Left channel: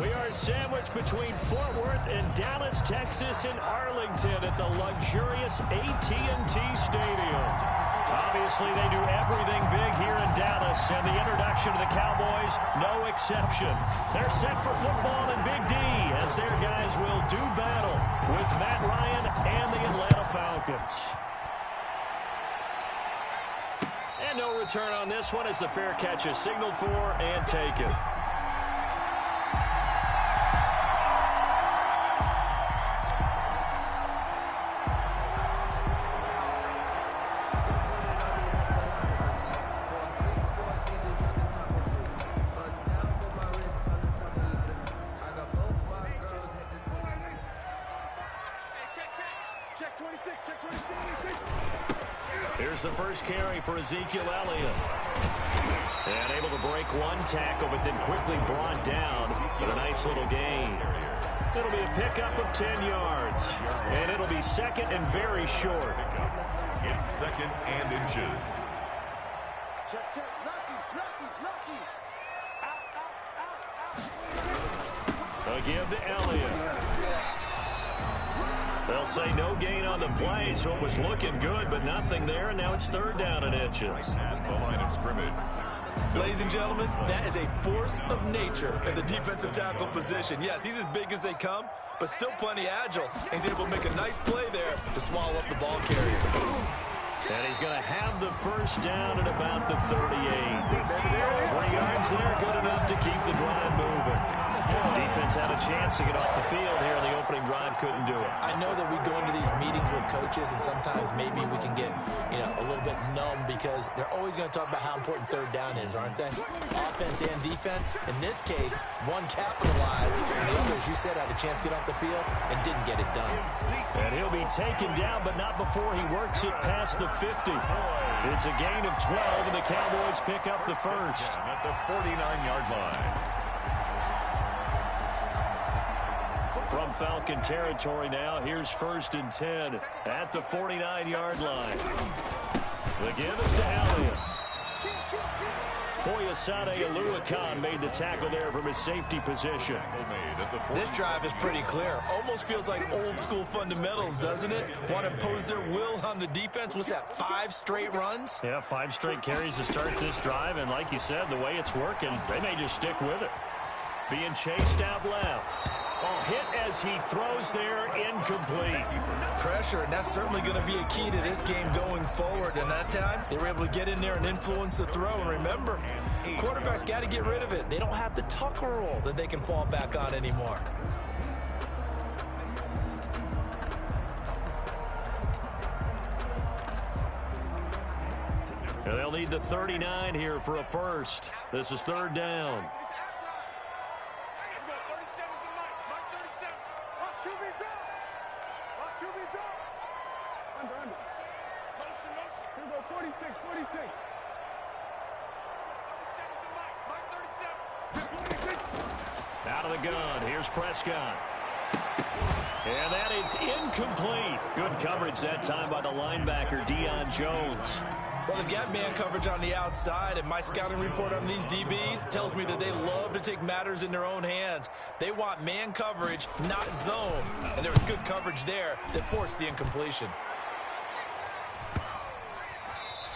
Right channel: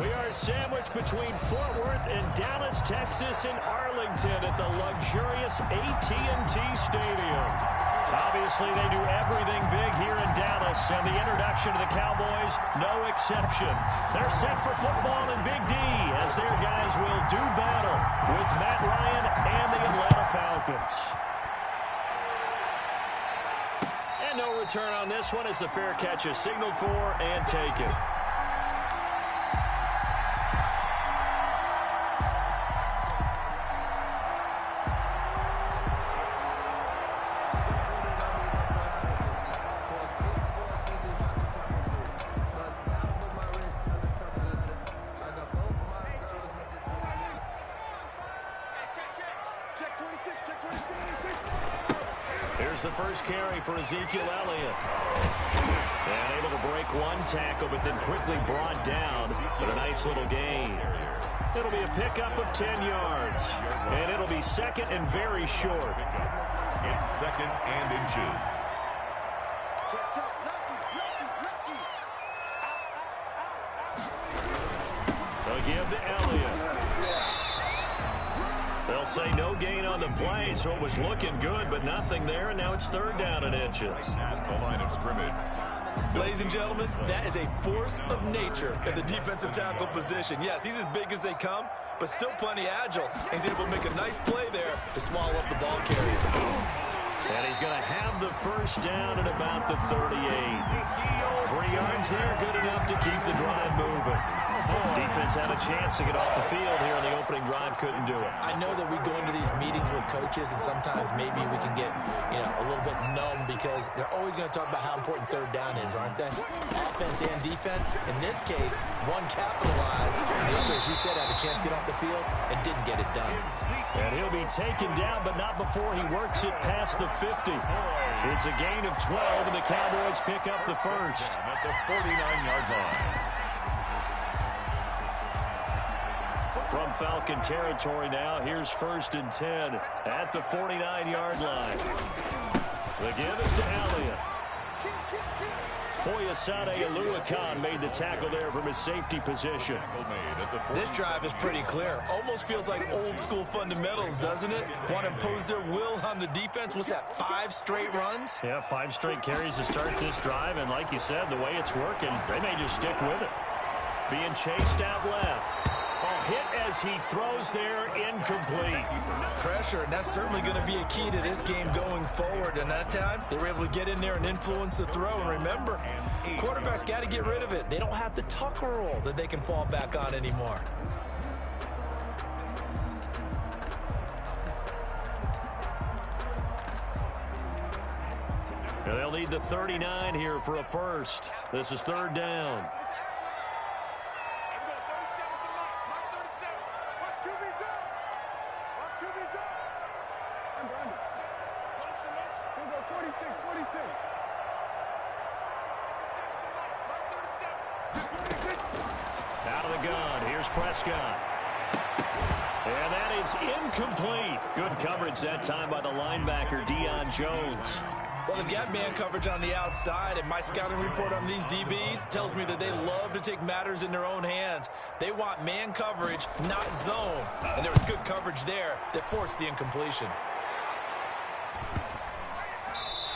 We are sandwiched between Fort Worth and Dallas, Texas, and Arlington at the luxurious AT&T Stadium. Obviously, they do everything big here in Dallas, and the introduction to the Cowboys, no exception. They're set for football in Big D, as their guys will do battle with Matt Ryan and the Atlanta Falcons. And no return on this one as the fair catch is signaled for and taken. Here's the first carry for Ezekiel Elliott. And able to break one tackle, but then quickly brought down with a nice little gain. It'll be a pickup of 10 yards. And it'll be second and very short. It's second and inches. Check, check. Lucky. Out. They'll give to Elliott. They'll say no gain on the play, so it was looking good, but nothing there, and now it's third down and inches. At the line of scrimmage. Ladies and gentlemen, that is a force of nature at the defensive tackle position. Yes, he's as big as they come, but still plenty agile. He's able to make a nice play there to swallow up the ball carrier. And he's going to have the first down at about the 38. 3 yards there, good enough to keep the drive moving. Defense had a chance to get off the field here in the opening drive, couldn't do it. I know that we go into these meetings with coaches, and sometimes maybe we can get, a little bit numb because they're always going to talk about how important third down is, aren't they? Offense and defense. In this case, one capitalized, and the other, as you said, had a chance to get off the field and didn't get it done. And he'll be taken down, but not before he works it past the 50. It's a gain of 12, and the Cowboys pick up the first. At the 49-yard line. From Falcon territory now, here's first and 10 at the 49-yard line. The give is to Elliott. Foyesade Aluakan made the tackle there from his safety position. This drive is pretty clear. Almost feels like old school fundamentals, doesn't it? Want to impose their will on the defense. What's that, 5 straight runs? Yeah, 5 straight carries to start this drive, and like you said, the way it's working, they may just stick with it. Being chased out left. Oh, hit as he throws there, incomplete. Pressure, and that's certainly going to be a key to this game going forward. And that time, they were able to get in there and influence the throw. And remember, quarterbacks got to get rid of it. They don't have the tucker roll that they can fall back on anymore. And they'll need the 39 here for a first. This is third down. Out of the gun, here's Prescott. And that is incomplete. Good coverage that time by the linebacker, Deion Jones. Well, they've got man coverage on the outside, and my scouting report on these DBs tells me that they love to take matters in their own hands. They want man coverage, not zone. And there was good coverage there that forced the incompletion.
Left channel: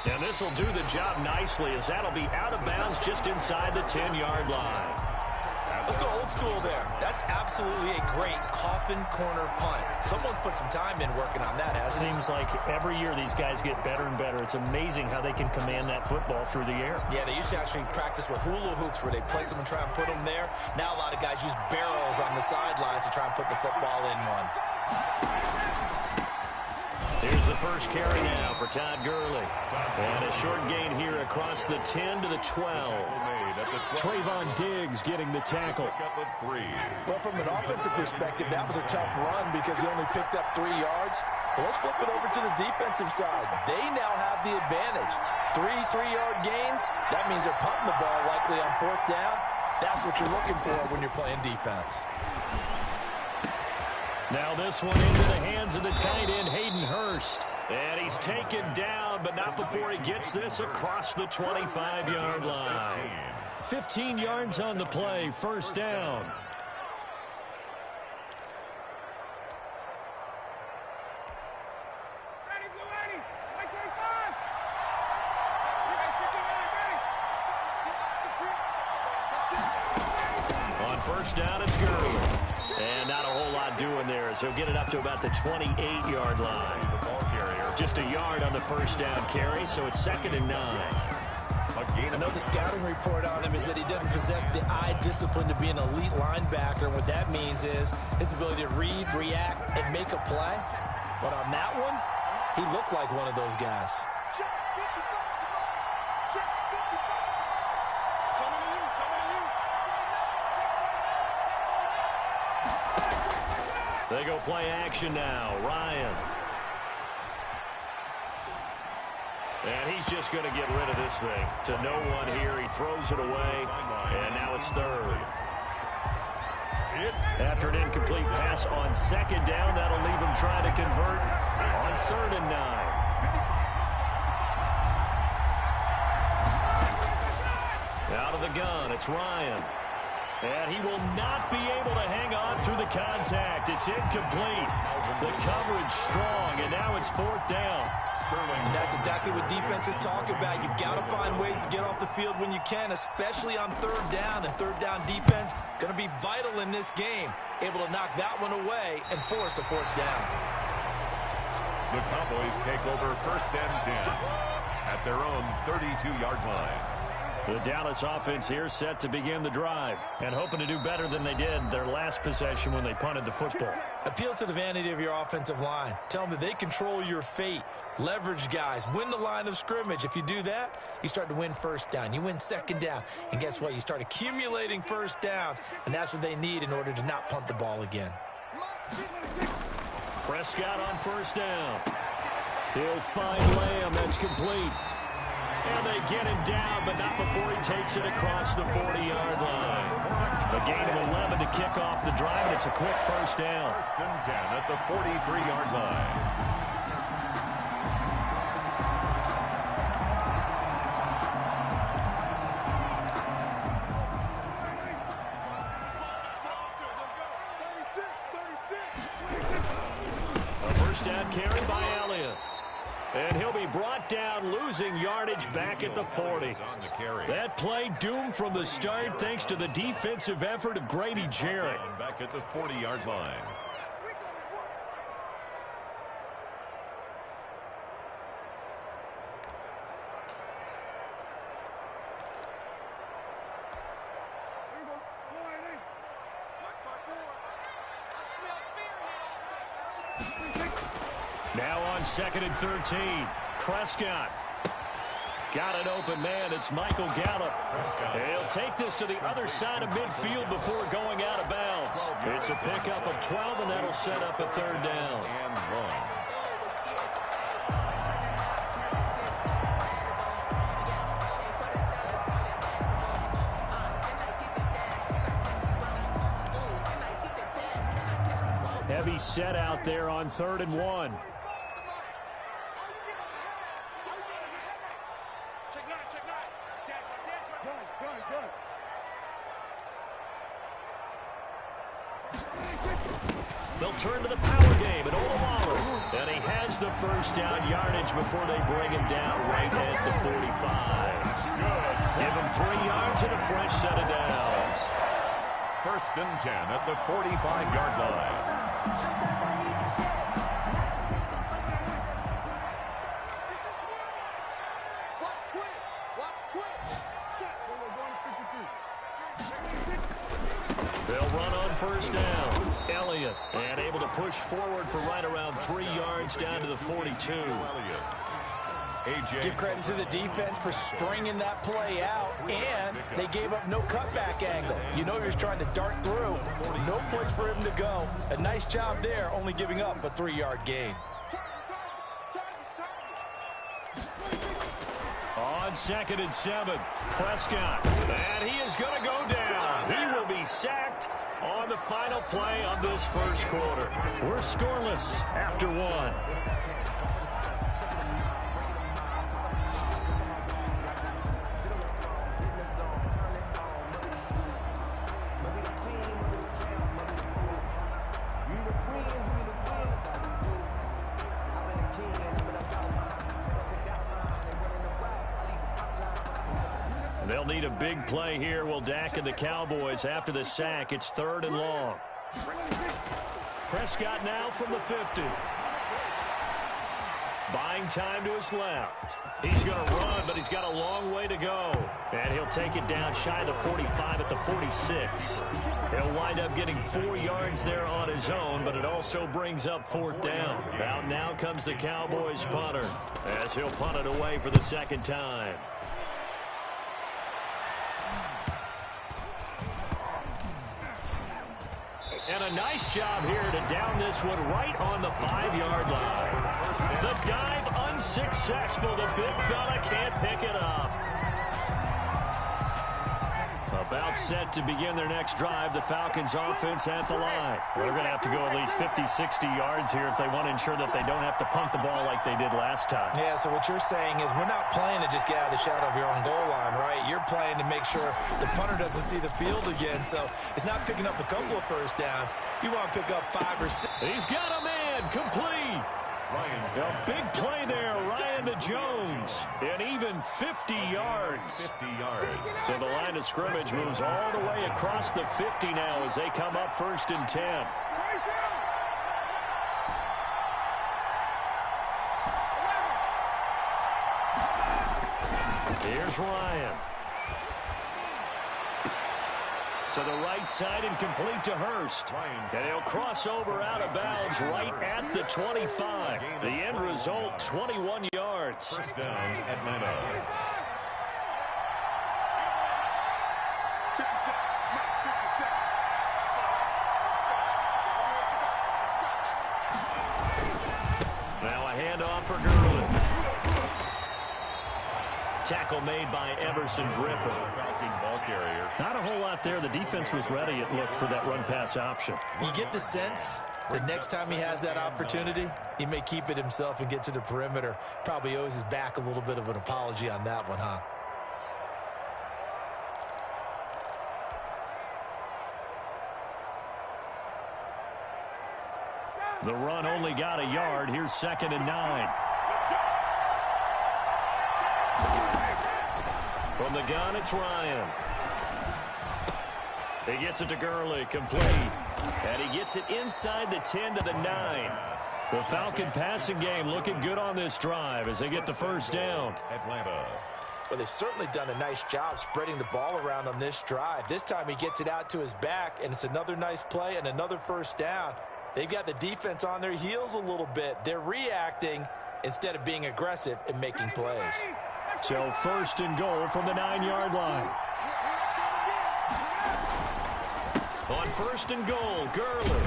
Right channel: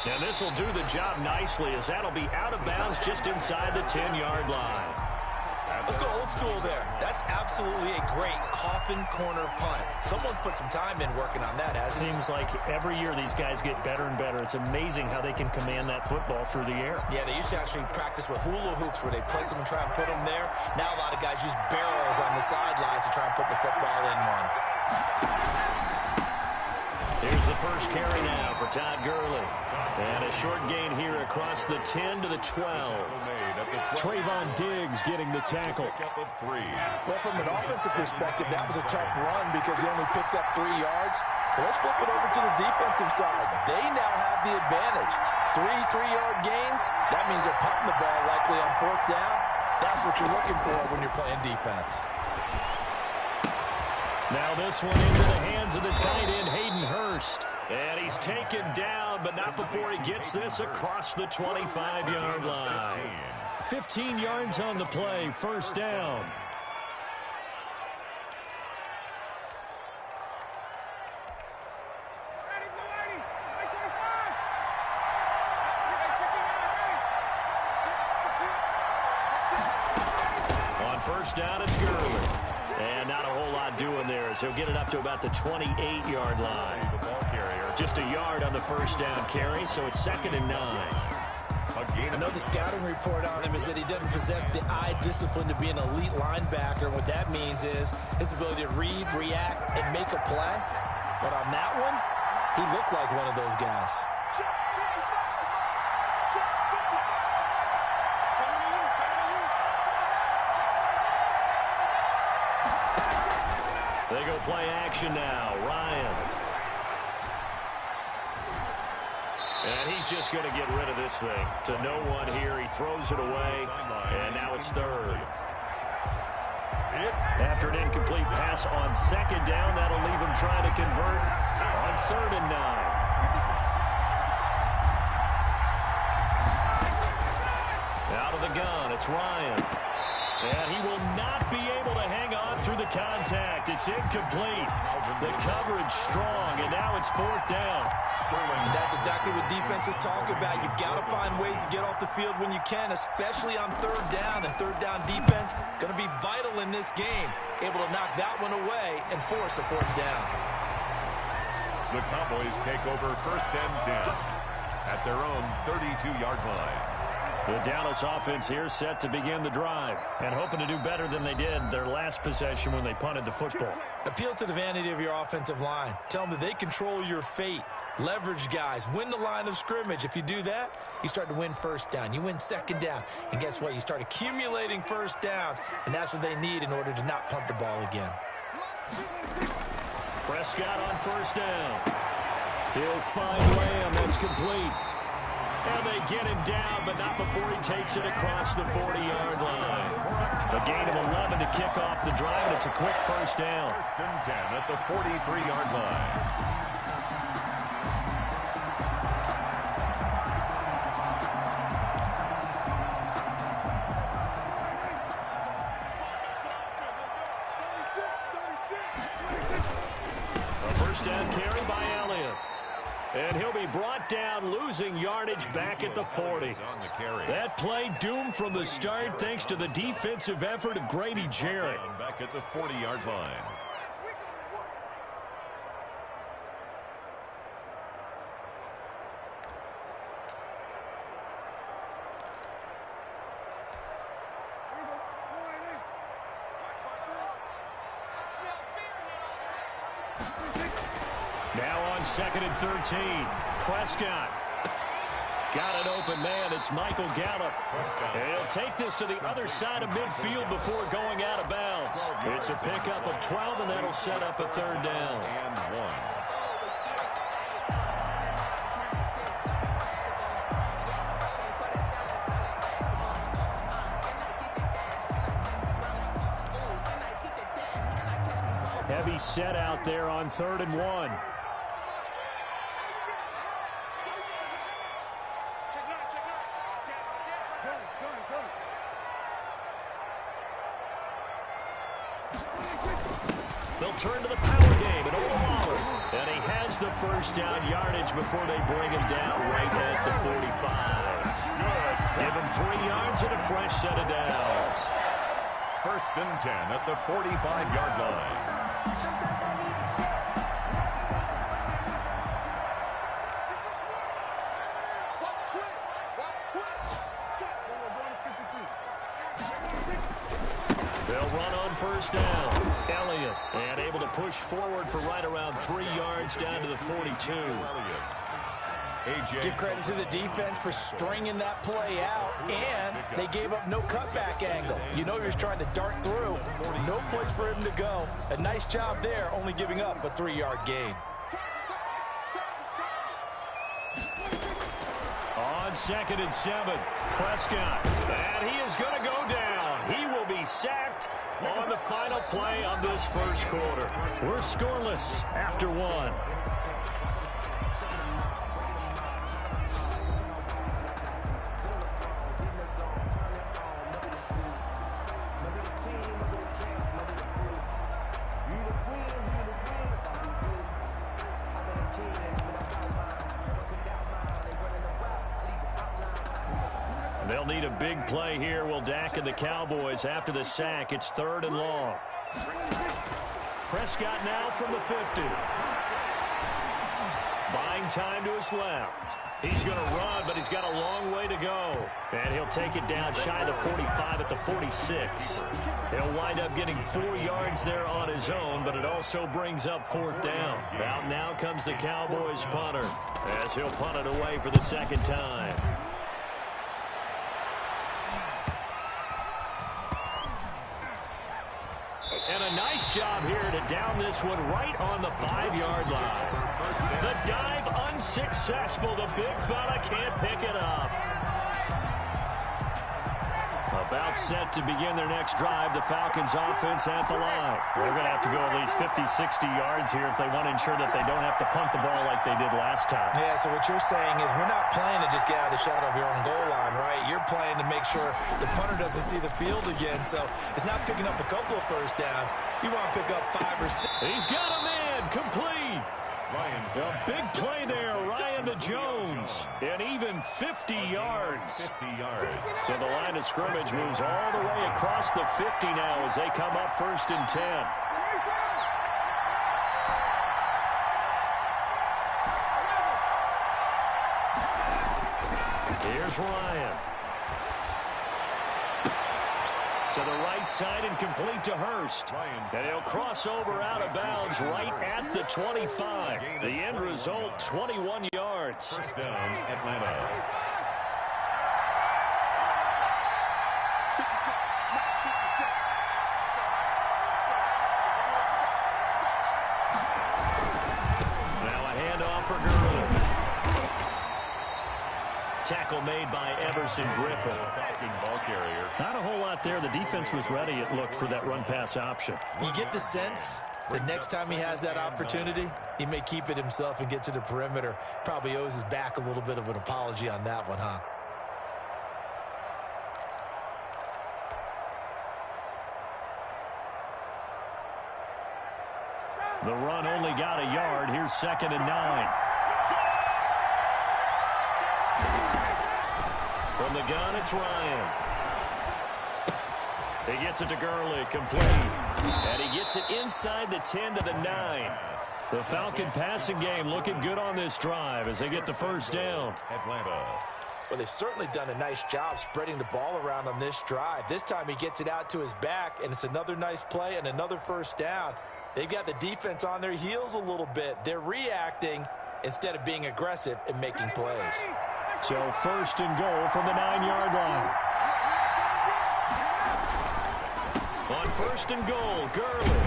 And this will do the job nicely, as that'll be out of bounds just inside the 10-yard line. Let's go old school there. That's absolutely a great coffin corner punt. Someone's put some time in working on that, hasn't it? Seems like every year these guys get better and better. It's amazing how they can command that football through the air. Yeah, they used to actually practice with hula hoops where they place them and try and put them there. Now a lot of guys use barrels on the sidelines to try and put the football in one. Here's the first carry now for Todd Gurley. And a short gain here across the 10 to the 12. Trayvon Diggs getting the tackle. Well, from an offensive perspective, that was a tough run because he only picked up 3 yards. Well, let's flip it over to the defensive side. They now have the advantage. 3 3-yard gains. That means they're punting the ball likely on 4th down. That's what you're looking for when you're playing defense. Now this one into the hands of the tight end, Hayden Hurst. And he's taken down, but not before he gets this across the 25-yard line. 15 yards on the play, first down. first down. It's Gurley. And not a whole lot doing there as he'll get it up to about the 28-yard line. The ball carrier. Just a yard on the first down carry, so it's 2nd and 9. I know the scouting report on him is that he doesn't possess the eye discipline to be an elite linebacker. And what that means is his ability to read, react, and make a play. But on that one, he looked like one of those guys. Check 55 to Mike. Check 55 to Mike. Coming to you, coming to you. They go play action now. Ryan. And he's just going to get rid of this thing. To no one here. He throws it away. And now it's 3rd. After an incomplete pass on 2nd down, that'll leave him trying to convert on 3rd and 9. Out of the gun, it's Ryan. And he will not be able to hang on through the contact. It's incomplete. The coverage strong, and now it's 4th down. And that's exactly what defenses talk about. You've got to find ways to get off the field when you can, especially on 3rd down. And 3rd down defense going to be vital in this game. Able to knock that one away and force a 4th down. The Cowboys take over 1st and 10 at their own 32-yard line. The Dallas offense here set to begin the drive and hoping to do better than they did their last possession when they punted the football. Appeal to the vanity of your offensive line. Tell them that they control your fate. Leverage guys. Win the line of scrimmage. If you do that, you start to win 1st down. You win 2nd down. And guess what? You start accumulating 1st downs. And that's what they need in order to not punt the ball again. Prescott on 1st down. He'll find Lamb. That's complete. And they get him down, but not before he takes it across the 40-yard line. A gain of 11 to kick off the drive, and it's a quick 1st down. 1st and 10 at the 43-yard line. A 1st down carry by Elliott. And he'll be brought down, losing yardage back at the 40. That play doomed from the start thanks to the defensive effort of Grady Jarrett. Back at the 40-yard line. Now on 2nd and 13. Prescott. Got an open man. It's Michael Gallup. He'll take this to the other side of midfield before going out of bounds. It's a pickup of 12, and that'll set up a 3rd down. And 1. Heavy set out there on 3rd and 1. They'll turn to the power game at Olawale. And he has the 1st down yardage before they bring him down right at the 45. Good. Give him 3 yards and a fresh set of downs. 1st and 10 at the 45-yard line. They'll run on 1st down. Elliott, and able to push forward for right around 3 yards down to the 42. Give credit to the defense for stringing that play out, and they gave up no cutback angle. You know he was trying to dart through. No place for him to go. A nice job there, only giving up a 3-yard gain. On 2nd and 7, Prescott. And he is going to go down. He will be sacked on the final play of this 1st quarter. We're scoreless after 1. They'll need a big play here. Will Dak and the Cowboys after the sack. It's 3rd and long. Prescott now from the 50. Buying time to his left. He's going to run, but he's got a long way to go. And he'll take it down shy of the 45 at the 46. He'll wind up getting 4 yards there on his own, but it also brings up 4th down. Out now comes the Cowboys punter as he'll punt it away for the 2nd time. And a nice job here to down this one right on the 5-yard line. The dive unsuccessful. The big fella can't pick it up. About set to begin their next drive. The Falcons offense at the line. They're going to have to go at least 50, 60 yards here if they want to ensure that they don't have to punt the ball like they did last time. Yeah, so what you're saying is we're not playing to just get out of the shadow of your own goal line, right? You're playing to make sure the punter doesn't see the field again. So it's not picking up a couple of first downs. You want to pick up 5 or 6. He's got a man complete. A big play there, Ryan to Jones, and even 50 yards. 50 yards. So the line of scrimmage moves all the way across the 50 now as they come up 1st and 10. Here's Ryan. To the right side and complete to Hurst. And he'll cross over out of bounds right at the 25. The end result, 21 yards. 1st down, Atlanta. 50 seconds. Mike, 50 seconds. Let's go, Now a handoff for Gurley. Tackle made by Everson Griffin. Falcon ball carrier. Not a whole lot there. The defense was ready, it looked, for that run-pass option. You get the sense the next time he has that opportunity, he may keep it himself and get to the perimeter. Probably owes his back a little bit of an apology on that one, huh? The run only got a yard. Here's 2nd and 9. From the gun, it's Ryan. He gets it to Gurley, complete. And he gets it inside the 10 to the 9. The Falcon passing game looking good on this drive as they get the 1st down. Atlanta. Well, they've certainly done a nice job spreading the ball around on this drive. This time he gets it out to his back, and it's another nice play and another 1st down. They've got the defense on their heels a little bit. They're reacting instead of being aggressive and making plays. So 1st and goal from the 9-yard line. On 1st and goal, Gurley.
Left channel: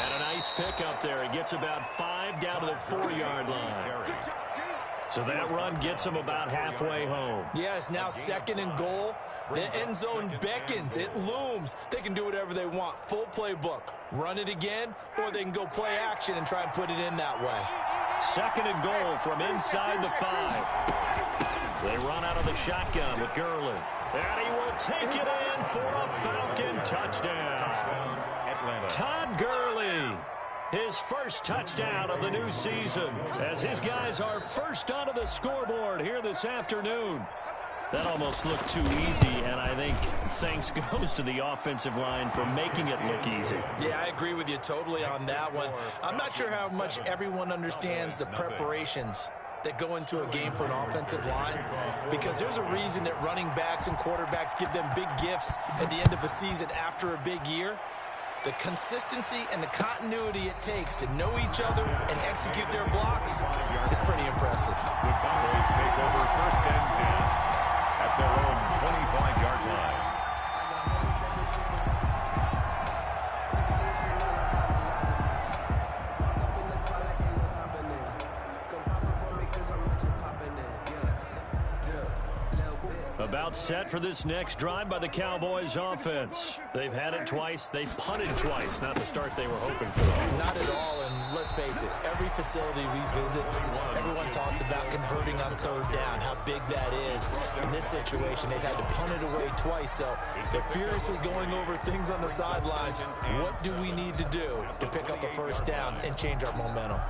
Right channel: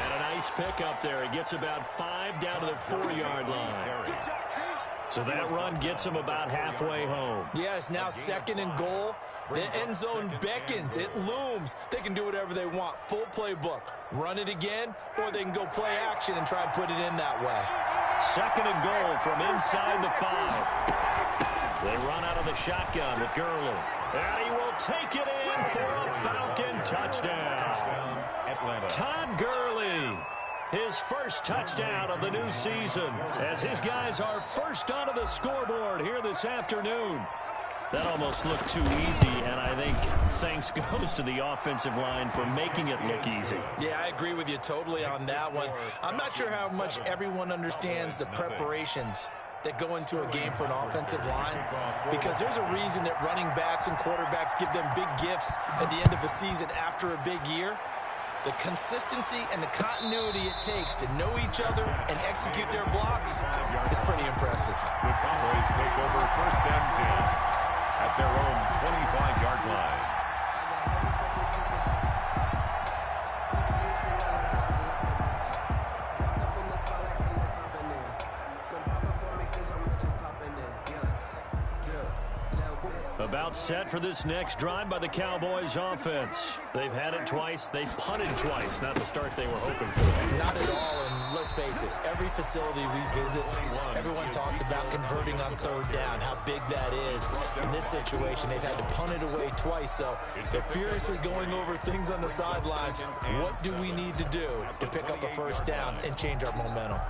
And a nice pick up there. He gets about 5 down to the 4-yard line. So that run gets him about halfway home. Yes, now 2nd and goal. The end zone beckons. It looms. They can do whatever they want. Full playbook. Run it again, or they can go play action and try and put it in that way. 2nd and goal from inside the 5. They run out of the shotgun with Gurley. And he will take it in for a Falcon touchdown. Atlanta. Todd Gurley, his 1st touchdown of the new season, as his guys are first onto the scoreboard here this afternoon. That almost looked too easy, and I think thanks goes to the offensive line for making it look easy. Yeah, I agree with you totally on that one. I'm not sure how much everyone understands the preparations that go into a game for an offensive line, because there's a reason that running backs and quarterbacks give them big gifts at the end of a season after a big year. The consistency and the continuity it takes to know each other and execute their blocks is pretty impressive. The Cowboys take over 1st and 10 at their own 25-yard line. About set for this next drive by the Cowboys offense. They've had it twice. They've punted twice. Not the start they were hoping for. Not at all, and let's face it, every facility we visit, everyone talks about converting on 3rd down, how big that is. In this situation, they've had to punt it away twice, so they're furiously going over things on the sidelines. What do we need to do to pick up a 1st down and change our momentum?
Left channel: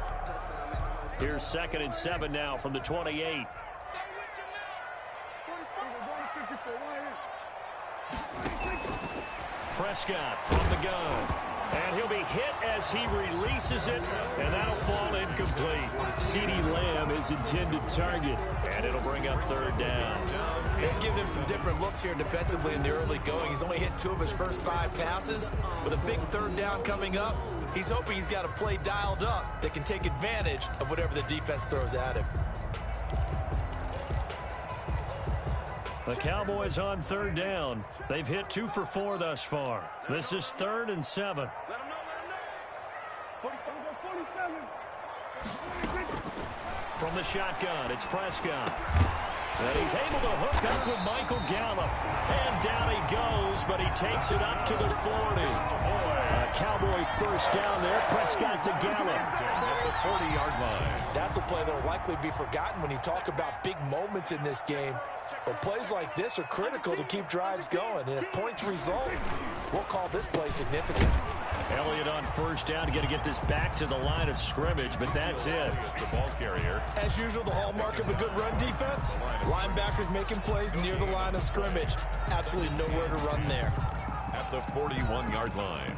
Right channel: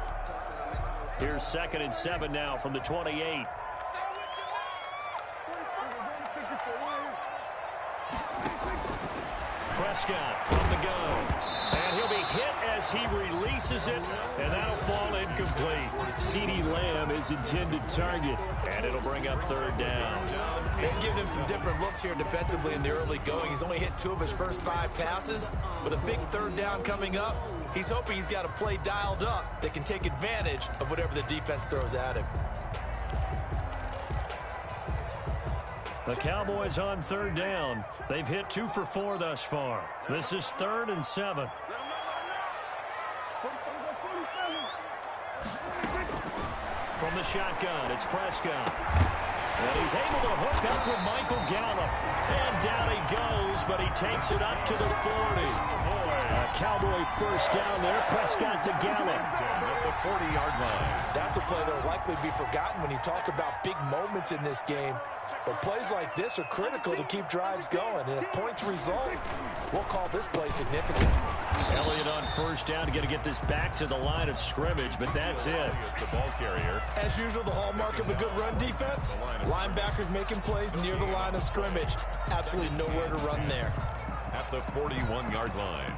Here's 2nd and 7 now from the 28. Prescott from the gun. And he'll be hit as he releases it, and that'll fall incomplete. CeeDee Lamb is intended target, and it'll bring up third down. They give him some different looks here defensively in the early going. He's only hit 2 of his first 5 passes. With a big third down coming up, he's hoping he's got a play dialed up that can take advantage of whatever the defense throws at him. The Cowboys on third down. They've hit 2 for 4 thus far. This is 3rd and 7. Let him know. 47. From the shotgun, it's Prescott. And he's able to hook up with Michael Gallup. And down he goes, but he takes it up to the 40. A Cowboy first down there. Prescott to Gallup. At the 40-yard line. That's a play that will likely be forgotten when you talk about big moments in this game. But plays like this are critical to keep drives going. And if points result, we'll call this play significant. Elliott on first down to get this back to the line of scrimmage, but that's it. The ball carrier. As usual, the hallmark of a good run defense, linebackers making plays near the line of scrimmage. Absolutely nowhere to run there. At the 41-yard line.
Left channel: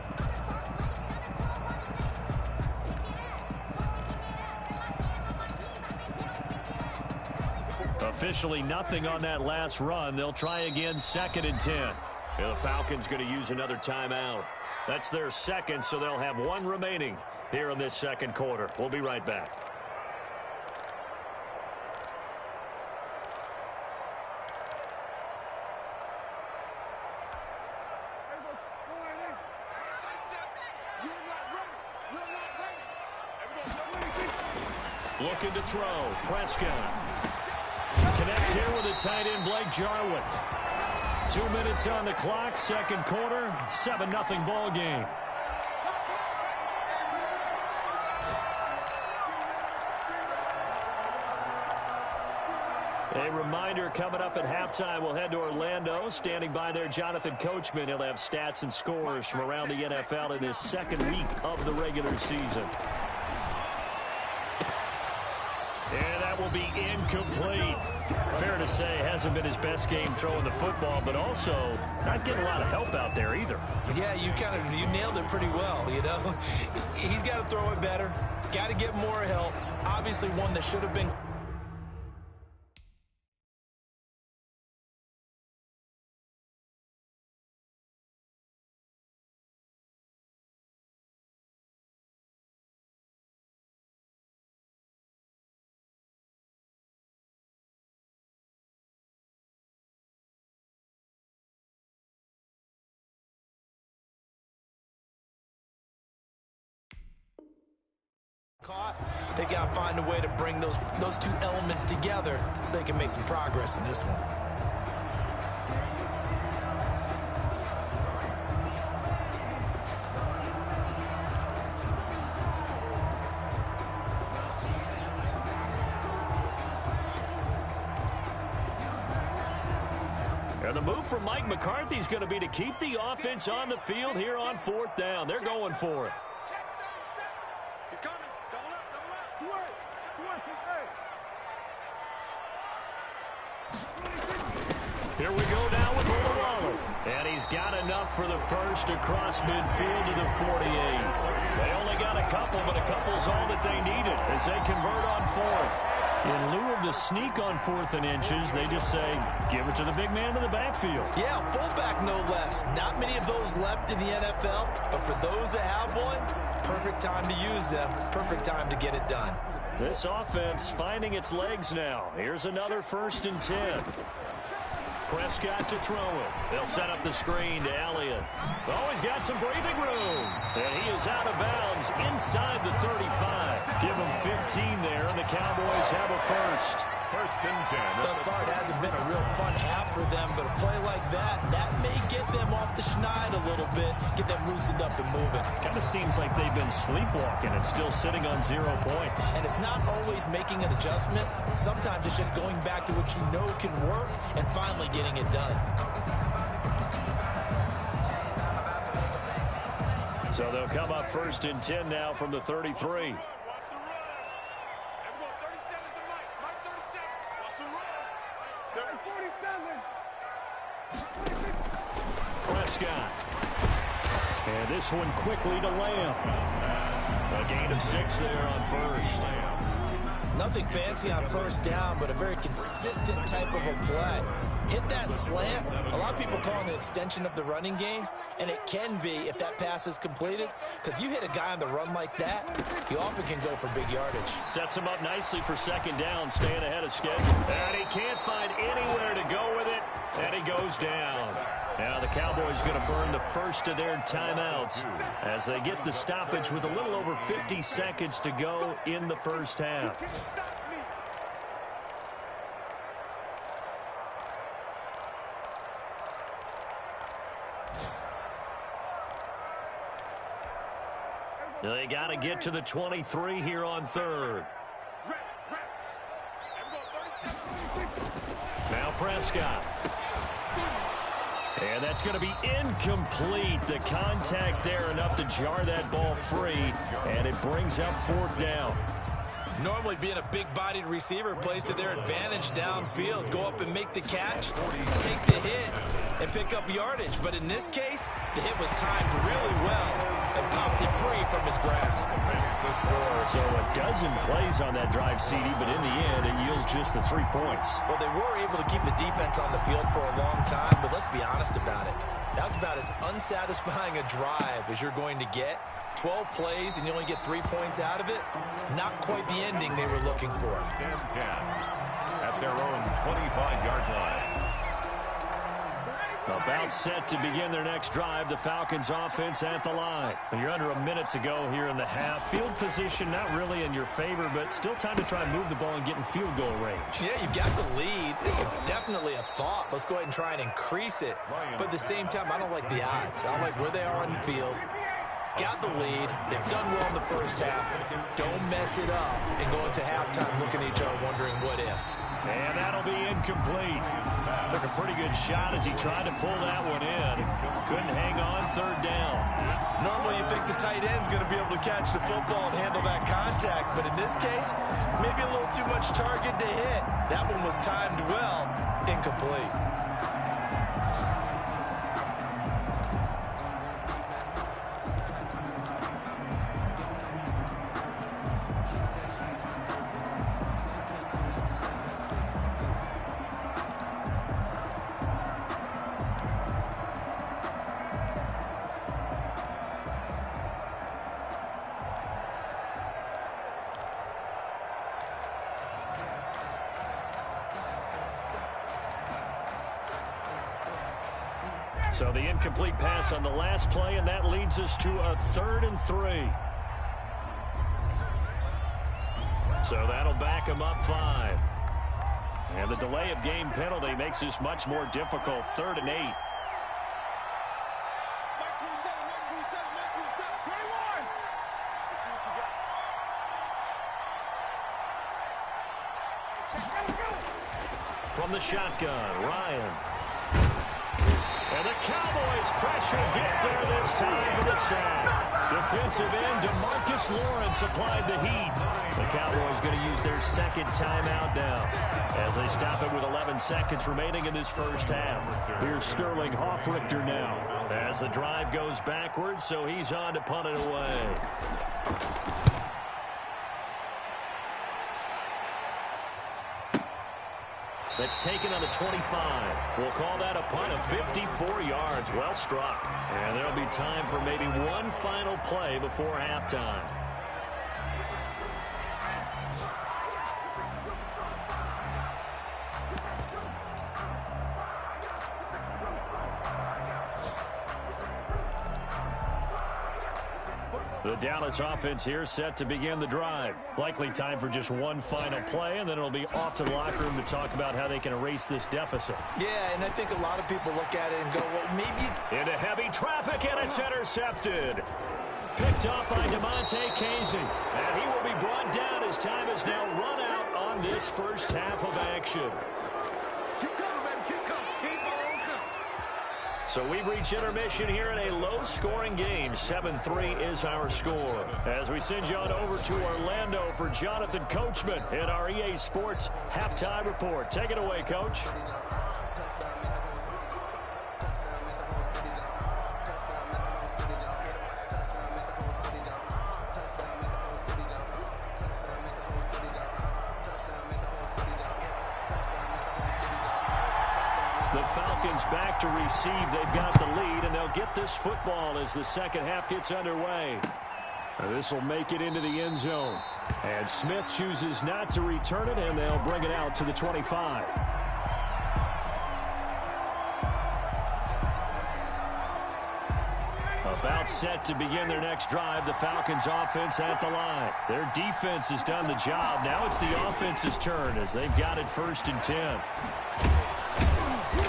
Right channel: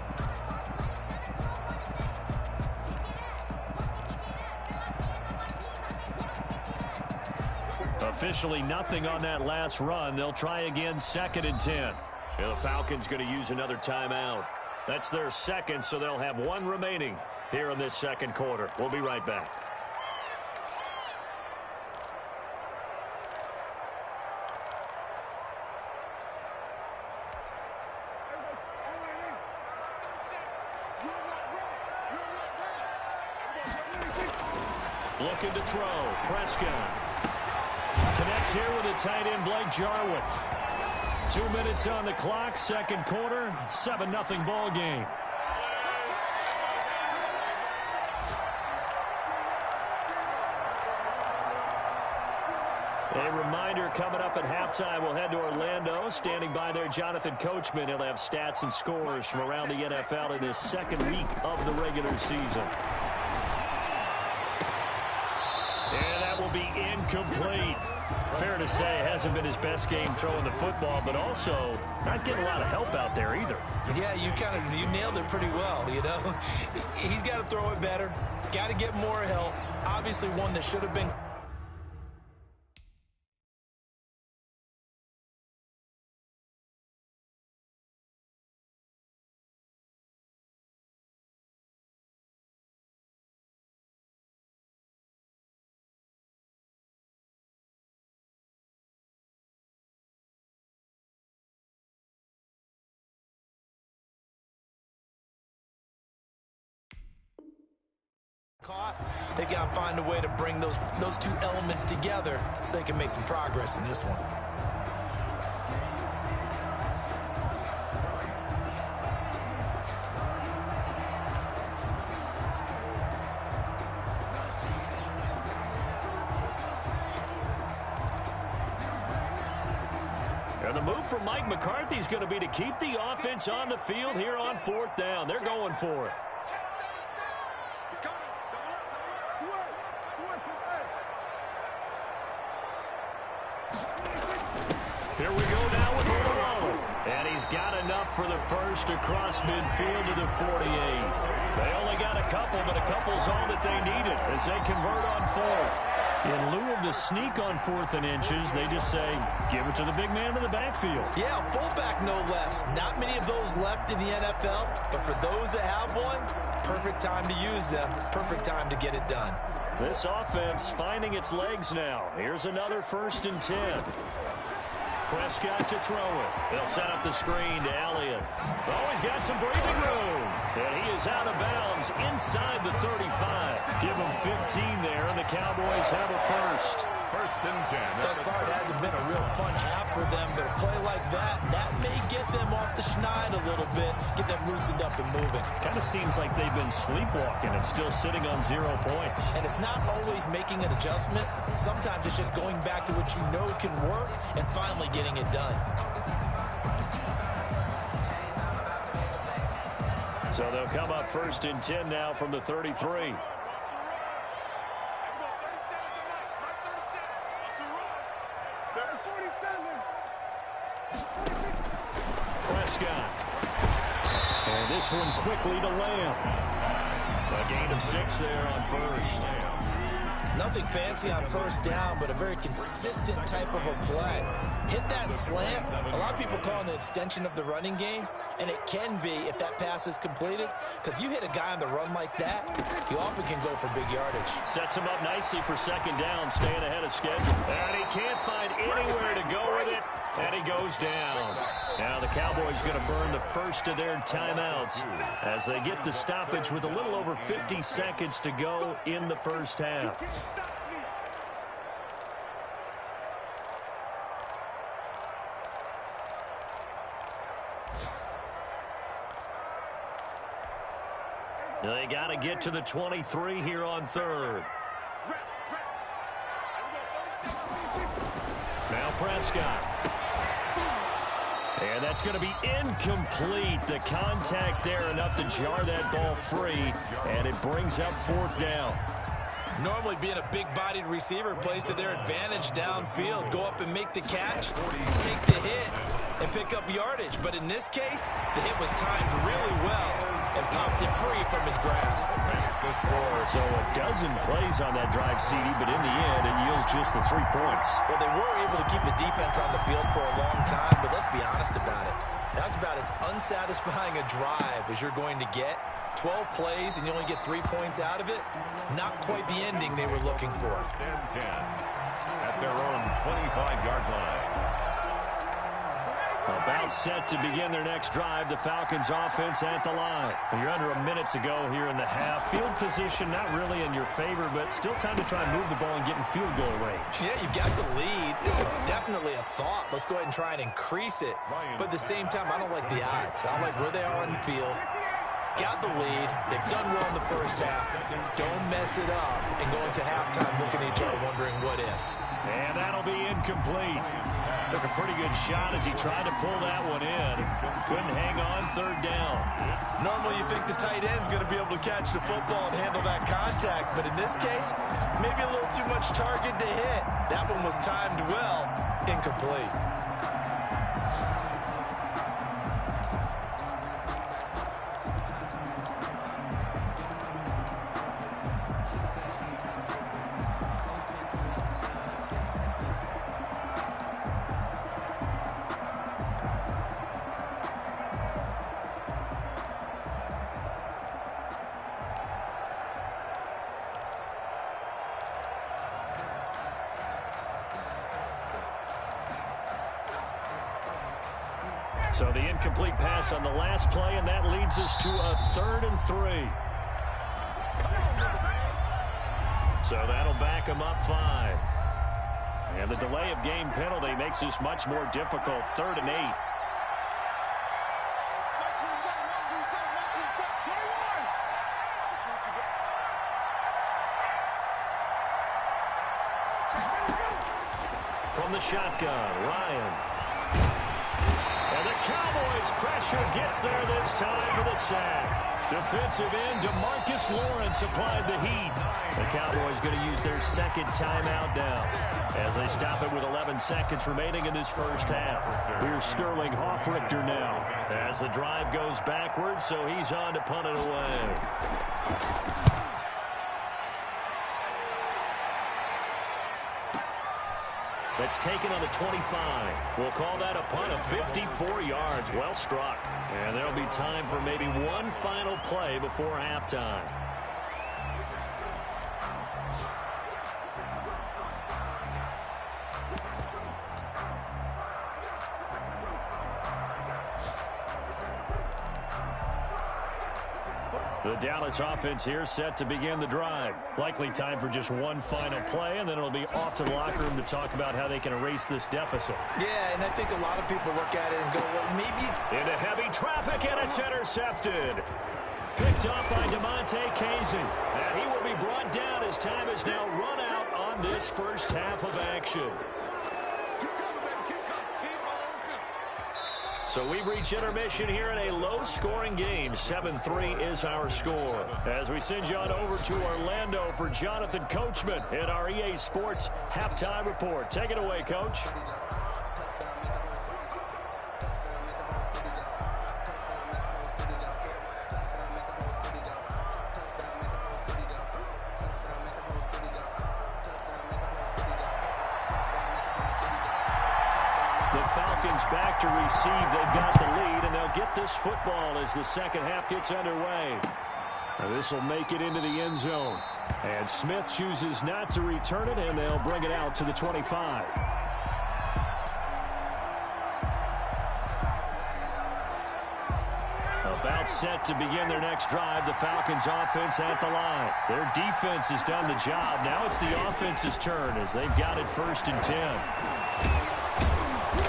Officially nothing on that last run. They'll try again 2nd and 10. The Falcons going to use another timeout. That's their second, so they'll have 1 remaining here in this second quarter. We'll be right back. Looking to throw. Prescott. Connects here with a tight end, Blake Jarwin. 2 minutes on the clock, second quarter, 7-0 ball game. A reminder coming up at halftime, we'll head to Orlando. Standing by there, Jonathan Coachman. He'll have stats and scores from around the NFL in his second week of the regular season. And that will be incomplete. Fair to say, hasn't been his best game throwing the football, but also not getting a lot of help out there either. Yeah, you nailed it pretty well, you know. He's got to throw it better, got to get more help. Obviously one that should have been. They've got to find a way to bring those 2 elements together so they can make some progress in this one. And the move from Mike McCarthy is going to be to keep the offense on the field here on 4th down. They're going for it. He's coming. Double up. Here we go now with Mullen. And he's got enough for the first across midfield to the 48. They only got a couple, but a couple's all that they needed as they convert on 4th. In lieu of the sneak on 4th and inches, they just say, give it to the big man in the backfield. Yeah, fullback no less. Not many of those left in the NFL, but for those that have one, perfect time to use them. Perfect time to get it done. This offense finding its legs now. Here's another 1st and 10. Prescott to throw it. They'll set up the screen to Elliott. Oh, he's got some breathing room. And he is out of bounds inside the 35. Give him 15 there, and the Cowboys have a first. 1st and 10. Thus far, it hasn't been a real fun half for them, but a play like that may get them off the schneid a little bit, get them loosened up and moving. Kind of seems like they've been sleepwalking and still sitting on 0 points. And it's not always making an adjustment. Sometimes it's just going back to what you know can work and finally getting it done. So they'll come up 1st and 10 now from the 33. this one quickly to Lamb. A gain of 6 there on first. Nothing fancy on first down, but a very consistent type of a play. Hit that slant. A lot of people call it an extension of the running game, and it can be if that pass is completed, because you hit a guy on the run like that, he often can go for big yardage. Sets him up nicely for second down, staying ahead of schedule. And he can't find anywhere to go with it, and he goes down. Now the Cowboys going to burn the first of their timeouts as they get the stoppage with a little over 50 seconds to go in the first half. They got to get to the 23 here on third. Now Prescott. And that's going to be incomplete. The contact there enough to jar that ball free, and it brings up fourth down. Normally being a big-bodied receiver plays to their advantage downfield. Go up and make the catch, take the hit, and pick up yardage. But in this case, the hit was timed really well and popped it free from his grasp. So a dozen plays on that drive, CD, but in the end, it yields just the 3 points. Well, they were able to keep the defense on the field for a long time, but let's be honest about it. That's about as unsatisfying a drive as you're going to get. 12 plays and you only get 3 points out of it. Not quite the ending they were looking for. 10 at their own 25-yard line. About set to begin their next drive. The Falcons offense at the line. You're under a minute to go here in the half. Field position not really in your favor, but still time to try and move the ball and get in field goal range. Yeah, you've got the lead. It's definitely a thought. Let's go ahead and try and increase it. But at the same time, I don't like the odds. I don't like where they are on the field. Got the lead. They've done well in the first half. Don't mess it up and go into halftime looking at each other wondering what if. And that'll be incomplete. Took a pretty good shot as he tried to pull that one in. Couldn't hang on third down. Normally you think the tight end's going to be able to catch the football and handle that contact, but in this case, maybe a little too much target to hit. That one was timed well. Incomplete. So the incomplete pass on the last play, and that leads us to a 3rd and 3. So that'll back them up 5. And the delay of game penalty makes this much more difficult. 3rd and 8. From the shotgun, Ryan. And the Cowboys' pressure gets there this time for the sack. Defensive end DeMarcus Lawrence applied the heat. The Cowboys going to use their second timeout now as they stop it with 11 seconds remaining in this first half. Here's Sterling Hoffrichter now as the drive goes backwards, so he's on to punt it away. That's taken on the 25. We'll call that a punt of 54 yards. Well struck. And there'll be time for maybe one final play before halftime. The Dallas offense here set to begin the drive. Likely time for just one final play, and then it'll be off to the locker room to talk about how they can erase this deficit. Yeah, and I think a lot of people look at it and go, well, maybe... Into heavy traffic, and it's intercepted. Picked off by DeMonte Casey. And he will be brought down as time is now run out on this first half of action. So we've reached intermission here in a low-scoring game. 7-3 is our score. As we send you on over to Orlando for Jonathan Coachman in our EA Sports Halftime Report. Take it away, Coach. The Falcons back to receive. They've got the lead, and they'll get this football as the second half gets underway. This will make it into the end zone. And Smith chooses not to return it, and they'll bring it out to the 25. About set to begin their next drive, the Falcons offense at the line. Their defense has done the job. Now it's the offense's turn as they've got it 1st and 10.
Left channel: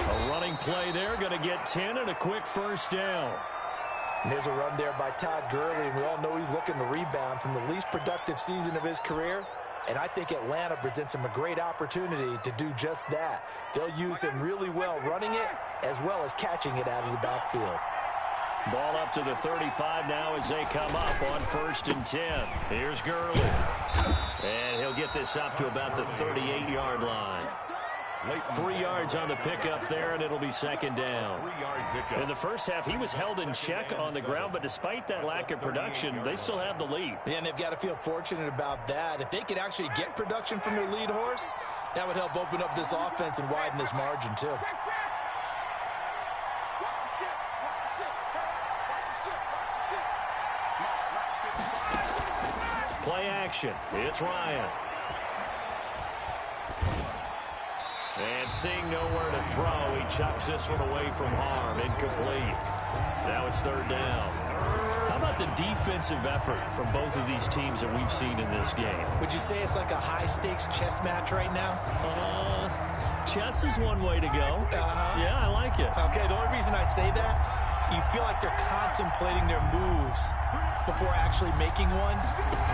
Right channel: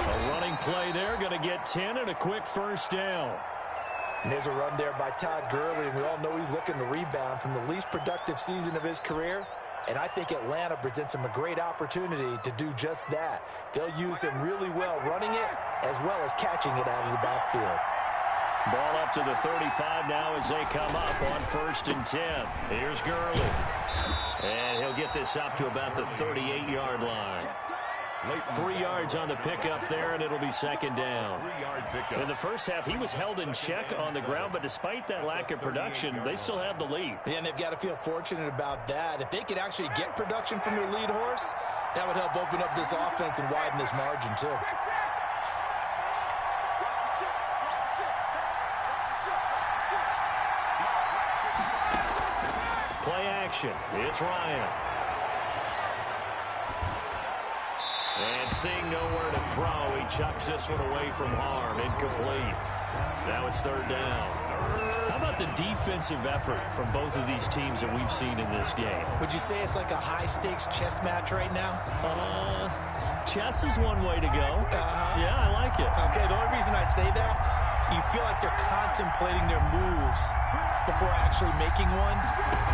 A running play there, going to get 10 and a quick first down. And there's a run there by Todd Gurley, and we all know he's looking to rebound from the least productive season of his career. And I think Atlanta presents him a great opportunity to do just that. They'll use him really well running it as well as catching it out of the backfield. Ball up to the 35 now as they come up on 1st and 10. Here's Gurley. And he'll get this up to about the 38-yard line. 3 yards on the pickup there, and it'll be 2nd down. In the first half, he was held in check on the ground, but despite that lack of production, they still have the lead. Yeah, and they've got to feel fortunate about that. If they could actually get production from their lead horse, that would help open up this offense and widen this margin, too. Play action. It's Ryan. And seeing nowhere to throw, he chucks this one away from harm. Incomplete. Now it's 3rd down. How about the defensive effort from both of these teams that we've seen in this game? Would you say it's like a high-stakes chess match right now? Chess is one way to go. Yeah, I like it. Okay, the only reason I say that, you feel like they're contemplating their moves before actually making one,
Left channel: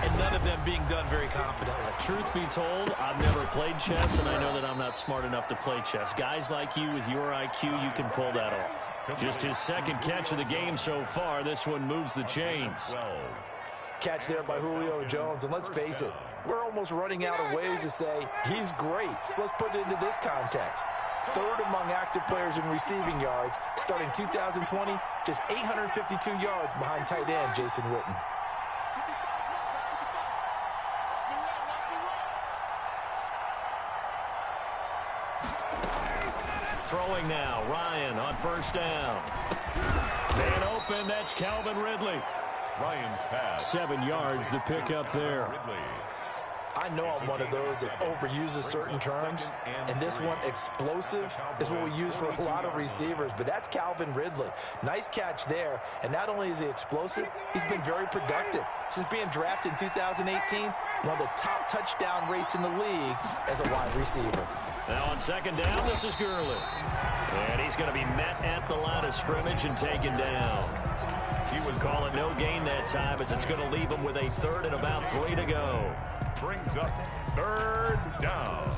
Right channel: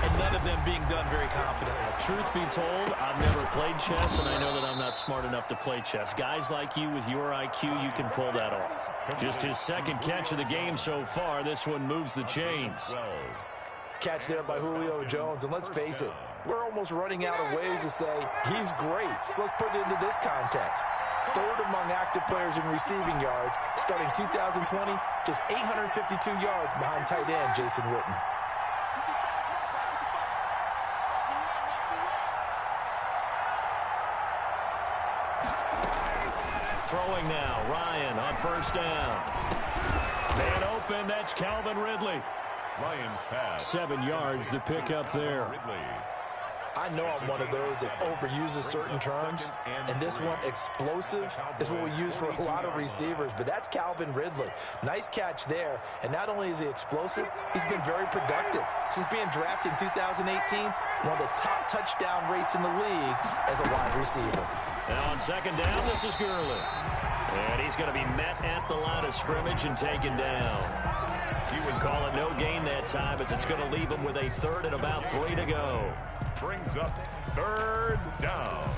and none of them being done very confidently. Truth be told, I've never played chess, and I know that I'm not smart enough to play chess. Guys like you with your IQ, you can pull that off. Just his 2nd catch of the game so far. This one moves the chains. Catch there by Julio Jones, and let's face it, we're almost running out of ways to say he's great. So let's put it into this context. 3rd among active players in receiving yards, starting 2020, just 852 yards behind tight end Jason Witten. Throwing now, Ryan on 1st down. Man open, that's Calvin Ridley. Ryan's pass. 7 yards, the pickup there. Ridley. I know I'm one of those that overuses certain terms, and this one, explosive, is what we use for a lot of receivers, but that's Calvin Ridley. Nice catch there, and not only is he explosive, he's been very productive. Since being drafted in 2018, one of the top touchdown rates in the league as a wide receiver. Now on 2nd down, this is Gurley. And he's going to be met at the line of scrimmage and taken down. He would call it no gain that time as it's going to leave him with a 3rd and about 3 to go. Brings up 3rd down.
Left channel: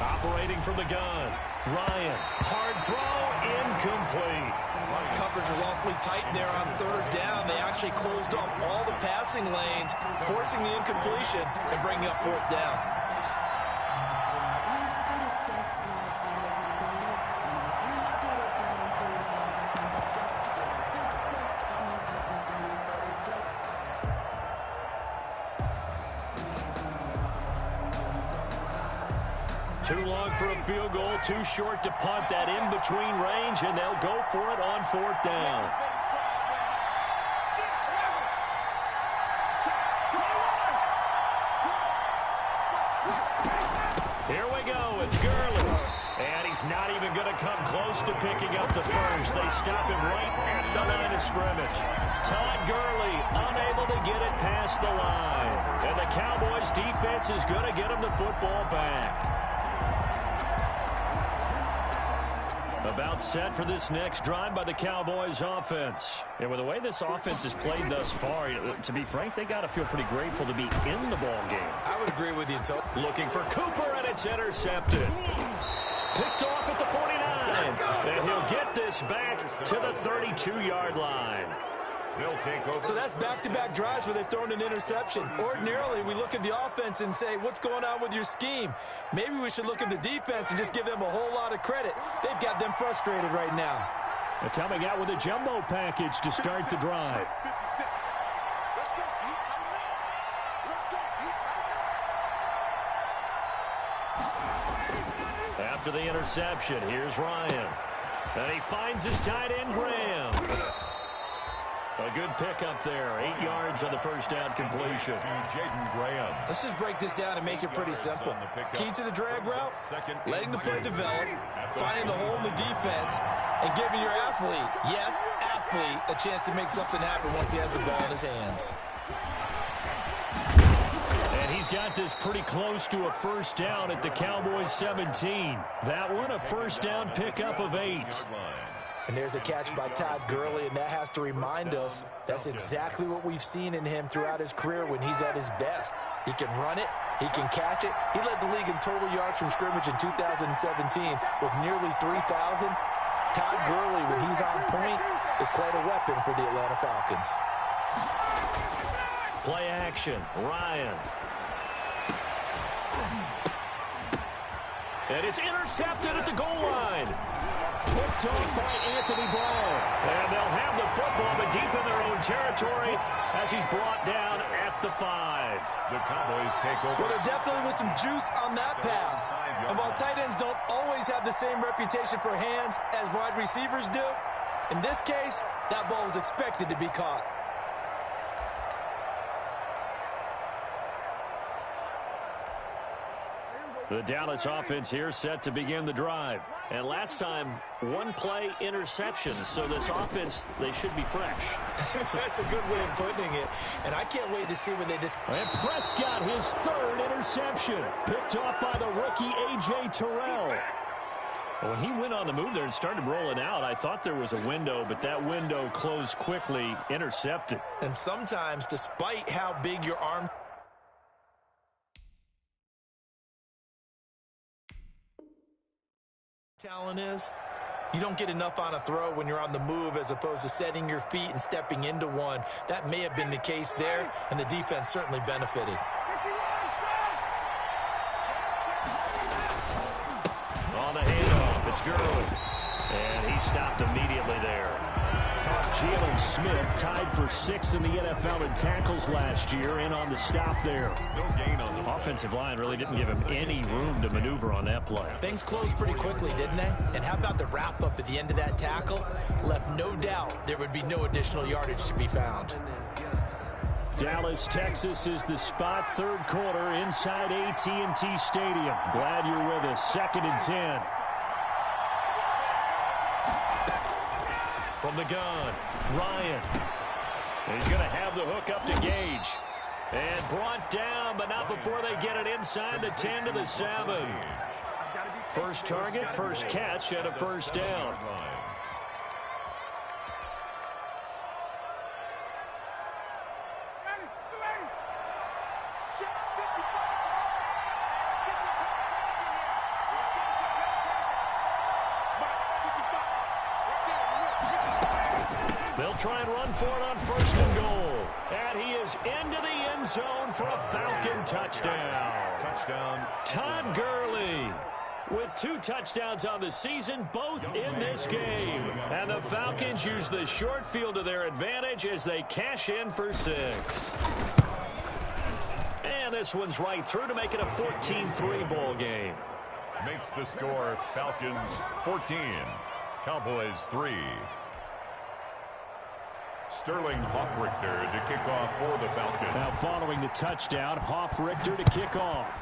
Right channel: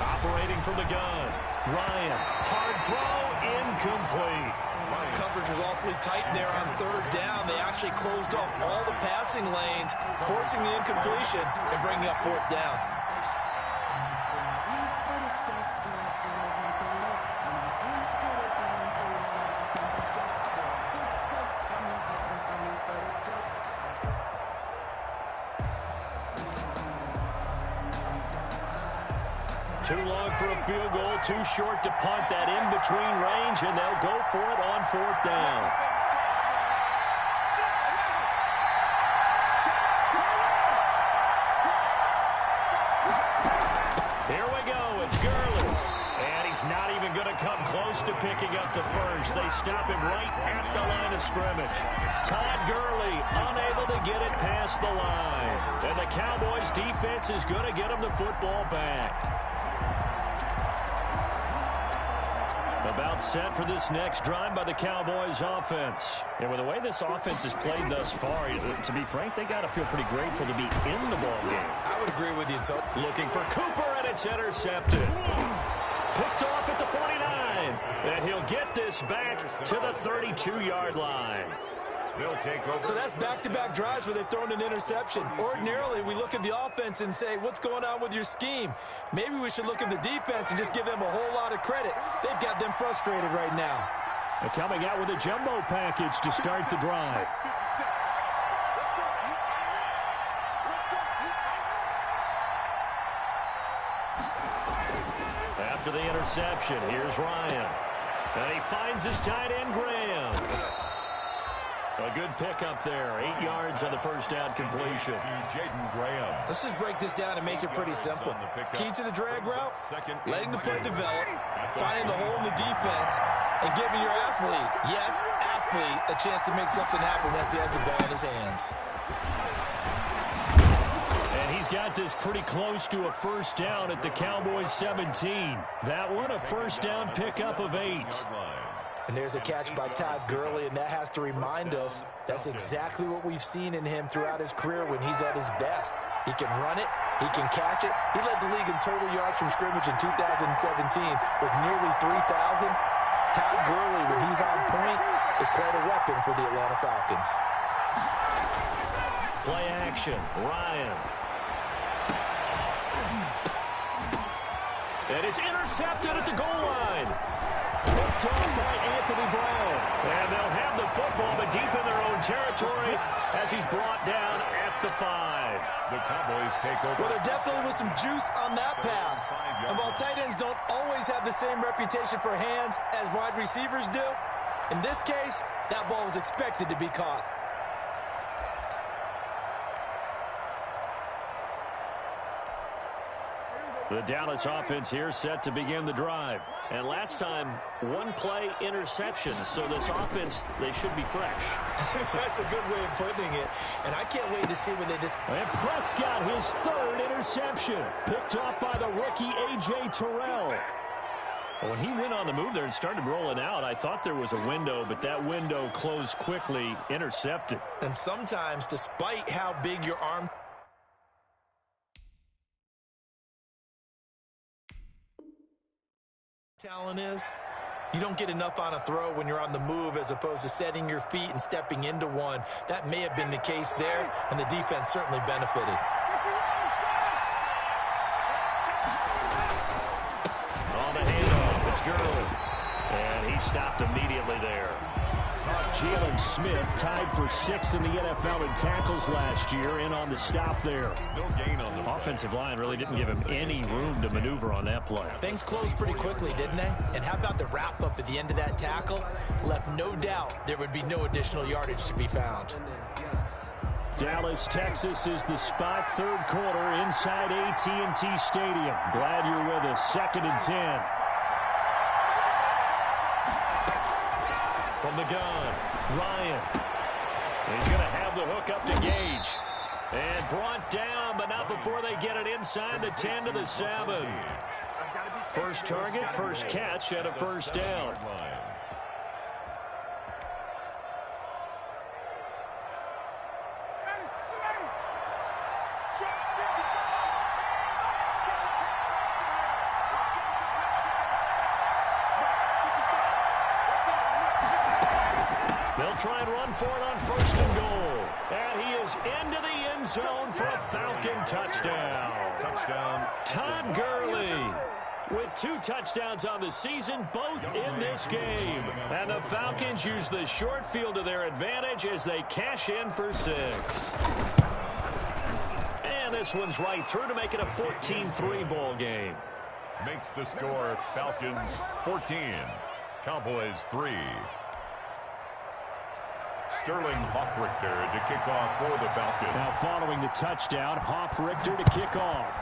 Operating from the gun. Ryan, hard throw, incomplete. Coverage was awfully tight there on 3rd down. They actually closed off all the passing lanes, forcing the incompletion and bringing up 4th down. Too long for a field goal, too short to punt. That in between range, and they'll go for it on 4th down. Here we go. It's Gurley. And he's not even going to come close to picking up the first. They stop him right at the line of scrimmage. Todd Gurley unable to get it past the line. And the Cowboys defense is going to get him the football back. About set for this next drive by the Cowboys offense. And with the way this offense has played thus far, to be frank, they got to feel pretty grateful to be in the ball game. I would agree with you, Todd. Looking for Cooper, and it's intercepted. Picked off at the 49. And he'll get this back to the 32-yard line. They'll take over. So that's back-to-back drives where they've thrown an interception. Ordinarily, we look at the offense and say, what's going on with your scheme? Maybe we should look at the defense and just give them a whole lot of credit. They've got them frustrated right now. They're coming out with a jumbo package to start the drive. Let's go, you tighten up. Let's go, you tighten up. After the interception, here's Ryan. And he finds his tight end, Graham. A good pickup there. 8 yards on the first down completion. Jaden Graham. Let's just break this down and make it pretty simple. Key to the drag route, letting the play develop, finding the hole in the defense, and giving your athlete, yes, athlete, a chance to make something happen once he has the ball in his hands. And he's got this pretty close to a first down at the Cowboys 17. That one, a first down pickup of 8. And there's a catch by Todd Gurley, and that has to remind us that's exactly what we've seen in him throughout his career when he's at his best. He can run it. He can catch it. He led the league in total yards from scrimmage in 2017 with nearly 3,000. Todd Gurley, when he's on point, is quite a weapon for the Atlanta Falcons. Play action. Ryan. And it's intercepted at the goal line. Picked off by Anthony Brown. And they'll have the football, but deep in their own territory as he's brought down at the 5. The Cowboys take over. Well, there definitely was some juice on that pass. And while tight ends don't always have the same reputation for hands as wide receivers do, in this case, that ball was expected to be caught. The Dallas offense here set to begin the drive. And last time, one play interception. So this offense, they should be fresh. That's a good way of putting it. And I can't wait to see when they just... And Prescott, his 3rd interception. Picked off by the rookie A.J. Terrell. When he went on the move there and started rolling out, I thought there was a window, but that window closed quickly, intercepted. And sometimes, despite how big your arm... talent is, you don't get enough on a throw when you're on the move as opposed to setting your feet and stepping into one. That may have been the case there, and the defense certainly benefited. On the handoff, it's Gurley. And he stopped immediately there. Jalen Smith tied for 6th in the NFL in tackles last year, in on the stop there. No gain on the offensive line really didn't give him any room to maneuver on that play. Things closed pretty quickly, didn't they? And how about the wrap-up at the end of that tackle? Left no doubt there would be no additional yardage to be found. Dallas, Texas is the spot, 3rd quarter inside AT&T Stadium. Glad you're with us. 2nd and 10. From the gun, Ryan. He's going to have the hook up to Gage. And brought down, but not before they get it inside the 10 to the 7. First target, first catch, and a first down. They'll try and run for it on 1st and goal. And he is into the end zone for a Falcon touchdown. Touchdown. Todd Gurley with 2 touchdowns on the season, both in this game. And the Falcons use the short field to their advantage as they cash in for 6. And this one's right through to make it a 14-3 ball game. Makes the score Falcons 14, Cowboys 3. Sterling Hoffrichter to kick off for the Falcons. Now following the touchdown, Hoffrichter to kick off.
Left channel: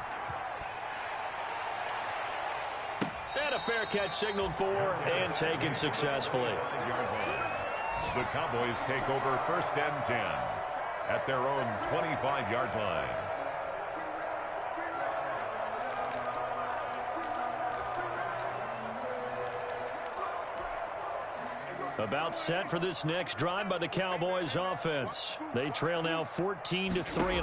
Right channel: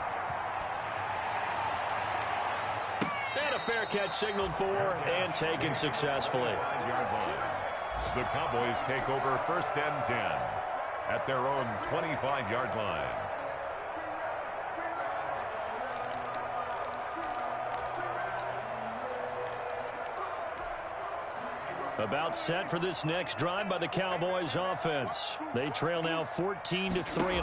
And a fair catch signaled for and taken successfully. The Cowboys take over 1st and 10 at their own 25-yard line. About set for this next drive by the Cowboys offense. They trail now 14-3,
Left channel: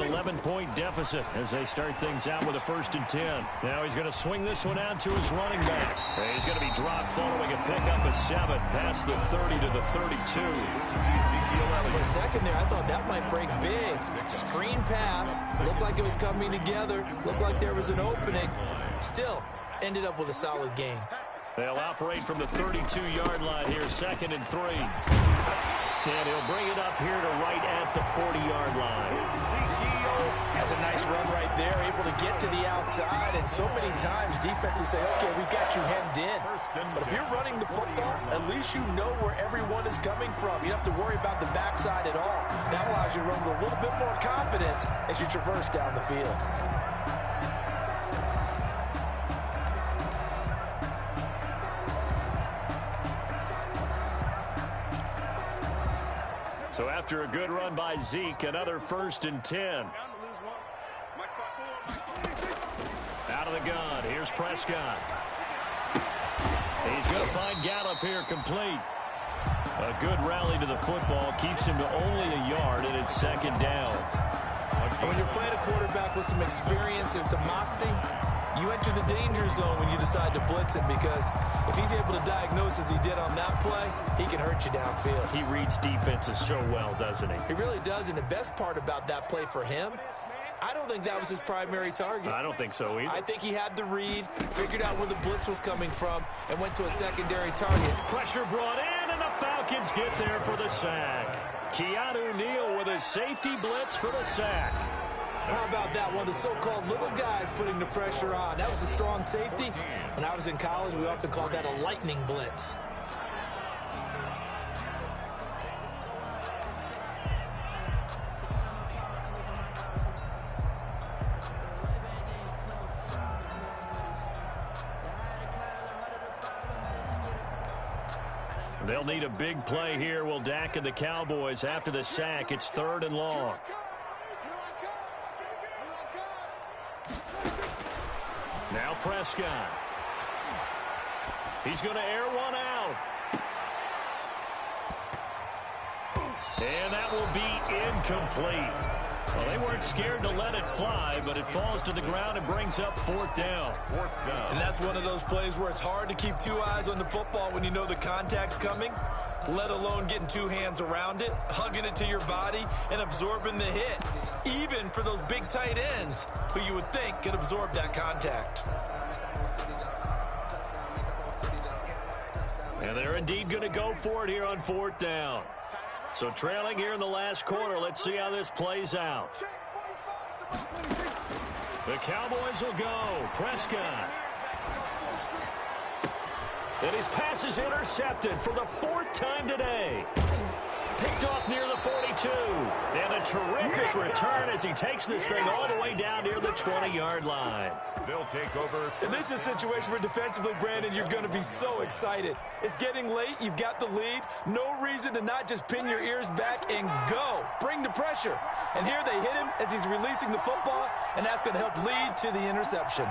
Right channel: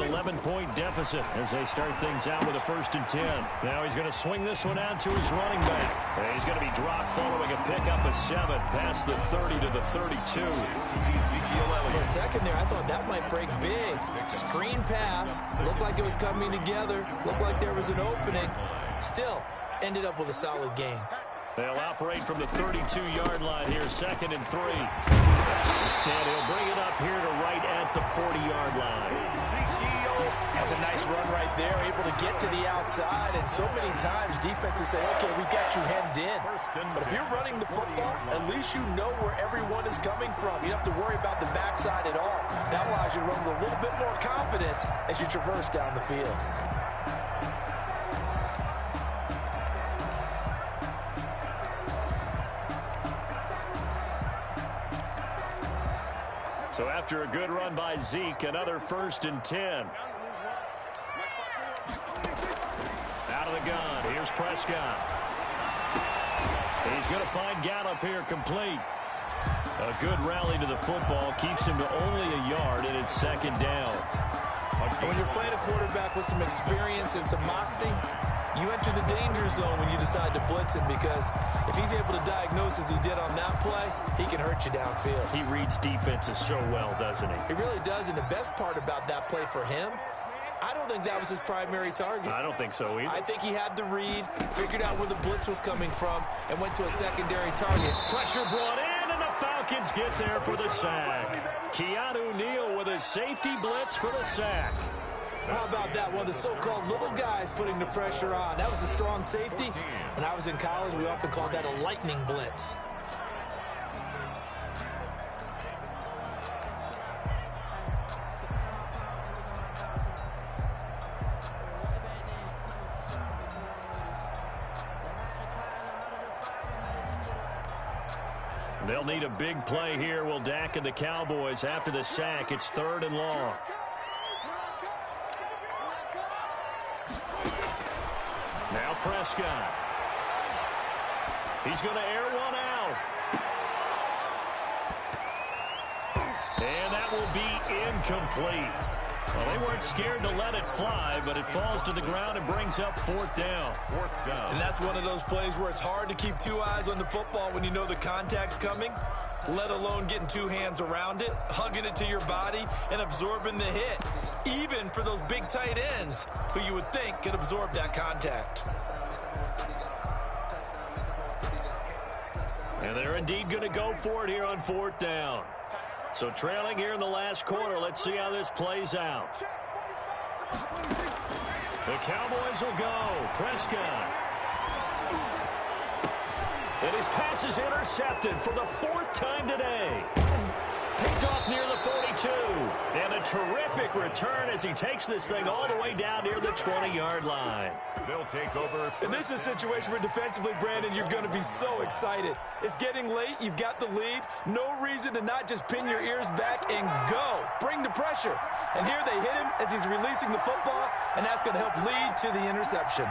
an 11-point deficit as they start things out with a 1st and 10. Now he's going to swing this one out to his running back. And he's going to be dropped following a pickup of 7 past the 30 to the 32. For a second there, I thought that might break big. Screen pass, looked like it was coming together, looked like there was an opening. Still, ended up with a solid gain. They'll operate from the 32-yard line here, 2nd and 3. And he'll bring it up here to right at the 40-yard line. That's a nice run right there, able to get to the outside. And so many times defenses say, okay, we got you hemmed in. But if you're running the football, at least you know where everyone is coming from. You don't have to worry about the backside at all. That allows you to run with a little bit more confidence as you traverse down the field. So after a good run by Zeke, another 1st and 10. Out of the gun, here's Prescott. He's going to find Gallup here complete. A good rally to the football keeps him to only a yard, and it's 2nd down. When you're playing a quarterback with some experience and some moxie, you enter the danger zone when you decide to blitz him, because if he's able to diagnose as he did on that play, he can hurt you downfield. He reads defenses so well, doesn't he? He really does, and the best part about that play for him, I don't think that was his primary target. I don't think so either. I think he had the read, figured out where the blitz was coming from, and went to a secondary target. Pressure brought in, and the Falcons get there for the sack. Keanu Neal with a safety blitz for the sack. How about that? One of the so-called little guys putting the pressure on. That was a strong safety. When I was in college, we often called that a lightning blitz. They'll need a big play here, will Dak and the Cowboys. After the sack, it's 3rd and long. Now Prescott. He's going to air one out. And that will be incomplete. Well, they weren't scared to let it fly, but it falls to the ground and brings up 4th down. And that's one of those plays where it's hard to keep 2 eyes on the football when you know the contact's coming, let alone getting 2 hands around it, hugging it to your body, and absorbing the hit, even for those big tight ends who you would think could absorb that contact. And they're indeed going to go for it here on 4th down. So trailing here in the last quarter, let's see how this plays out. The Cowboys will go. Prescott. And his pass is intercepted for the 4th time today. Picked off near the 42. And a terrific return as he takes this thing all the way down near the 20-yard line. They'll take over. And this is a situation where defensively, Brandon, you're going to be so excited. It's getting late. You've got the lead. No reason to not just pin your ears back and go. Bring the pressure. And here they hit him as he's releasing the football, and that's going to help lead to the interception.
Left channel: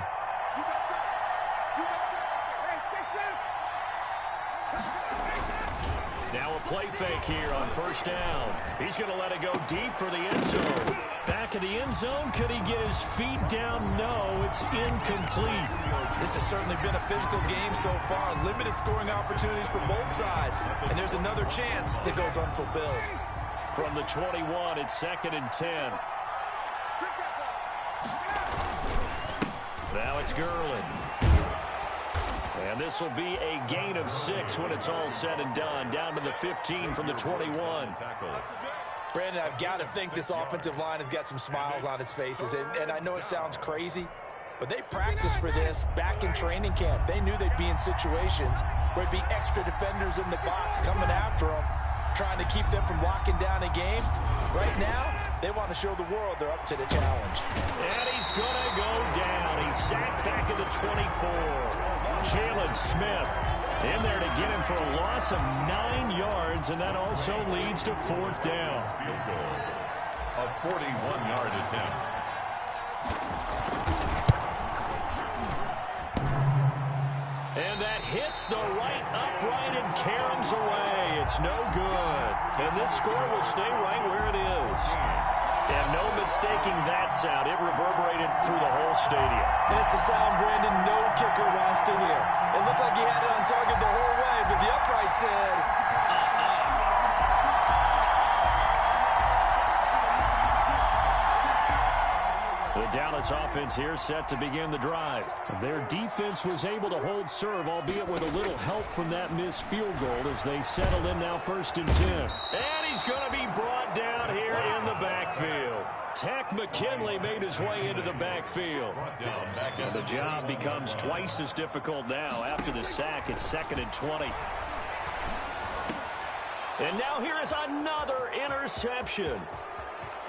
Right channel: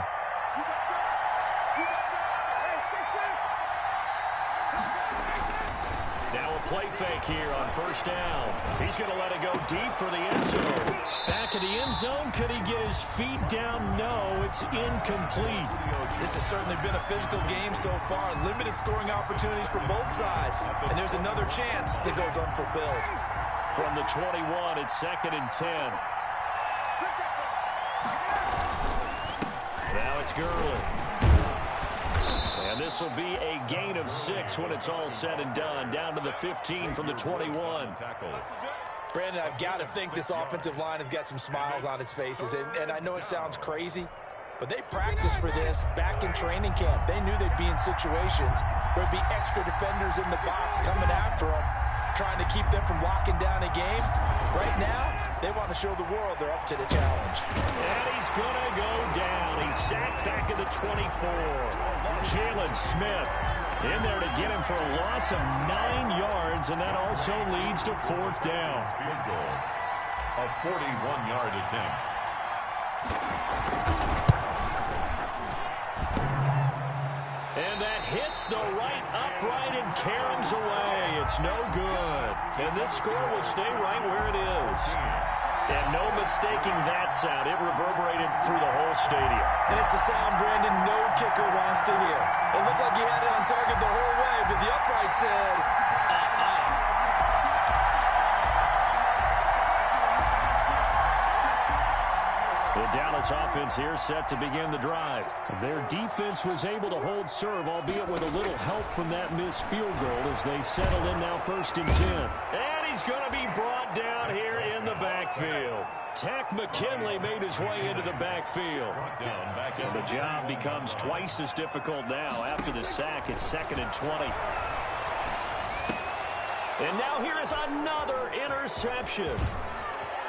Now a play fake here on 1st down. He's going to let it go deep for the end zone. Back of the end zone. Could he get his feet down? No, it's incomplete. This has certainly been a physical game so far. Limited scoring opportunities for both sides. And there's another chance that goes unfulfilled. From the 21, it's 2nd and 10. Now it's Gurley. And this will be a gain of 6 when it's all said and done. Down to the 15 from the 21. Brandon, I've got to think this offensive line has got some smiles on its faces. And I know it sounds crazy, but they practiced for this back in training camp. They knew they'd be in situations where it'd be extra defenders in the box coming after them, trying to keep them from locking down a game. Right now, they want to show the world they're up to the challenge. And he's going to go down. He's sacked back at the 24. Jalen Smith in there to get him for a loss of 9 yards, and that also leads to 4th down. Field goal. A 41-yard attempt. And that hits the right upright and caroms away. It's no good. And this score will stay right where it is. And no mistaking that sound. It reverberated through the whole stadium. And it's the sound, Brandon, no kicker wants to hear. It looked like he had it on target the whole way, but the upright said, The Dallas offense here set to begin the drive. Their defense was able to hold serve, albeit with a little help from that missed field goal as they settle in now 1st and 10. And he's going to be brought down here in the backfield. Tack McKinley made his way into the backfield. And the job becomes twice as difficult now. After the sack, it's 2nd and 20. And now here is another interception.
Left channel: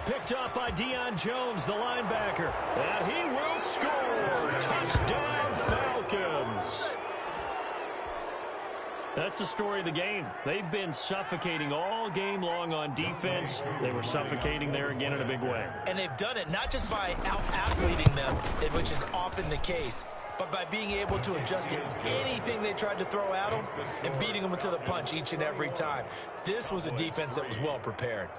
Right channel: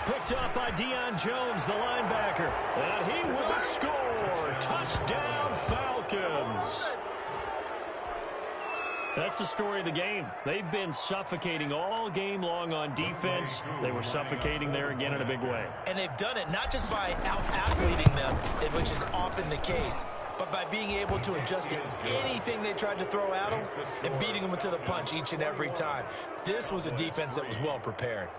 Picked up by Deion Jones, the linebacker. And he will score. Touchdown, Falcons. That's the story of the game. They've been suffocating all game long on defense. They were suffocating there again in a big way. And they've done it not just by out-athleting them, which is often the case, but by being able to adjust to anything they tried to throw at them and beating them to the punch each and every time. This was a defense that was well prepared.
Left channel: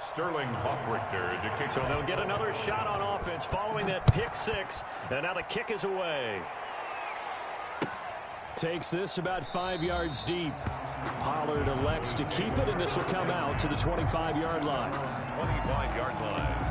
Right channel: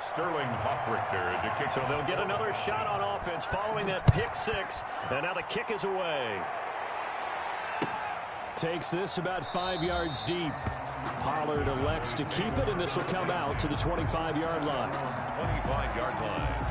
Sterling Hoffrichter to kick. So they'll get another shot on offense following that pick six. And now the kick is away. Takes this about 5 yards deep. Pollard elects to keep it, and this will come out to the 25-yard line. 25-yard line.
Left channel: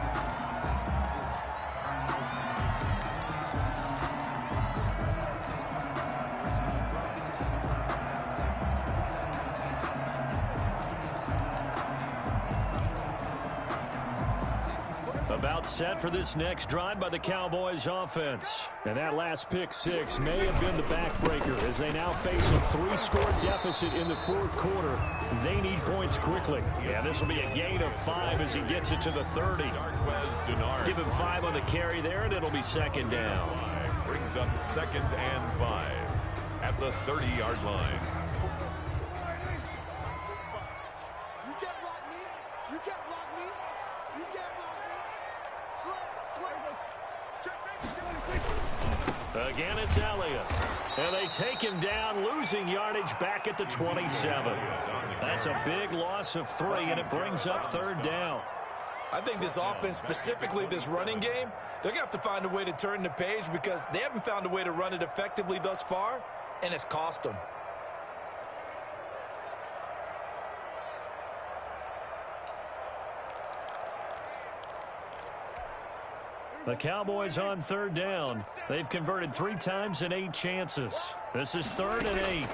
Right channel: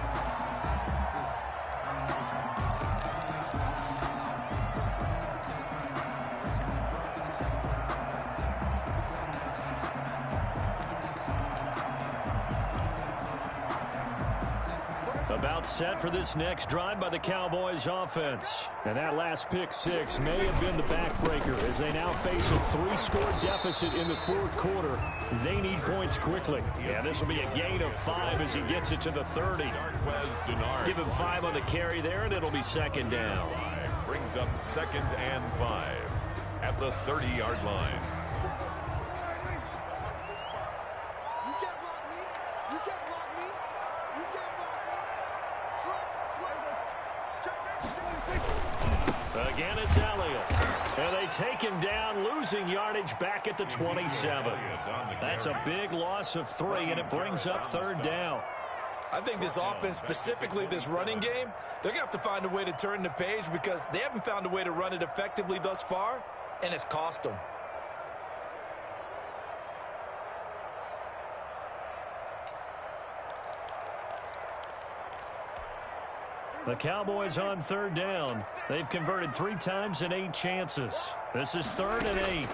About set for this next drive by the Cowboys offense. And that last pick six may have been the backbreaker as they now face a 3-score deficit in the 4th quarter. They need points quickly. Yeah, this will be a gain of 5 as he gets it to the 30. Give him 5 on the carry there, and it'll be 2nd down. Brings up 2nd and 5 at the 30-yard line. You can't block me. You can't block me. You can't block me. Again, it's Elliott. And they take him down, losing yardage back at the 27. That's a big loss of 3, and it brings up 3rd down. I think this offense, specifically this running game, they're going to have to find a way to turn the page because they haven't found a way to run it effectively thus far, and it's cost them. The Cowboys on 3rd down. They've converted 3 times in 8 chances. This is 3rd and 8.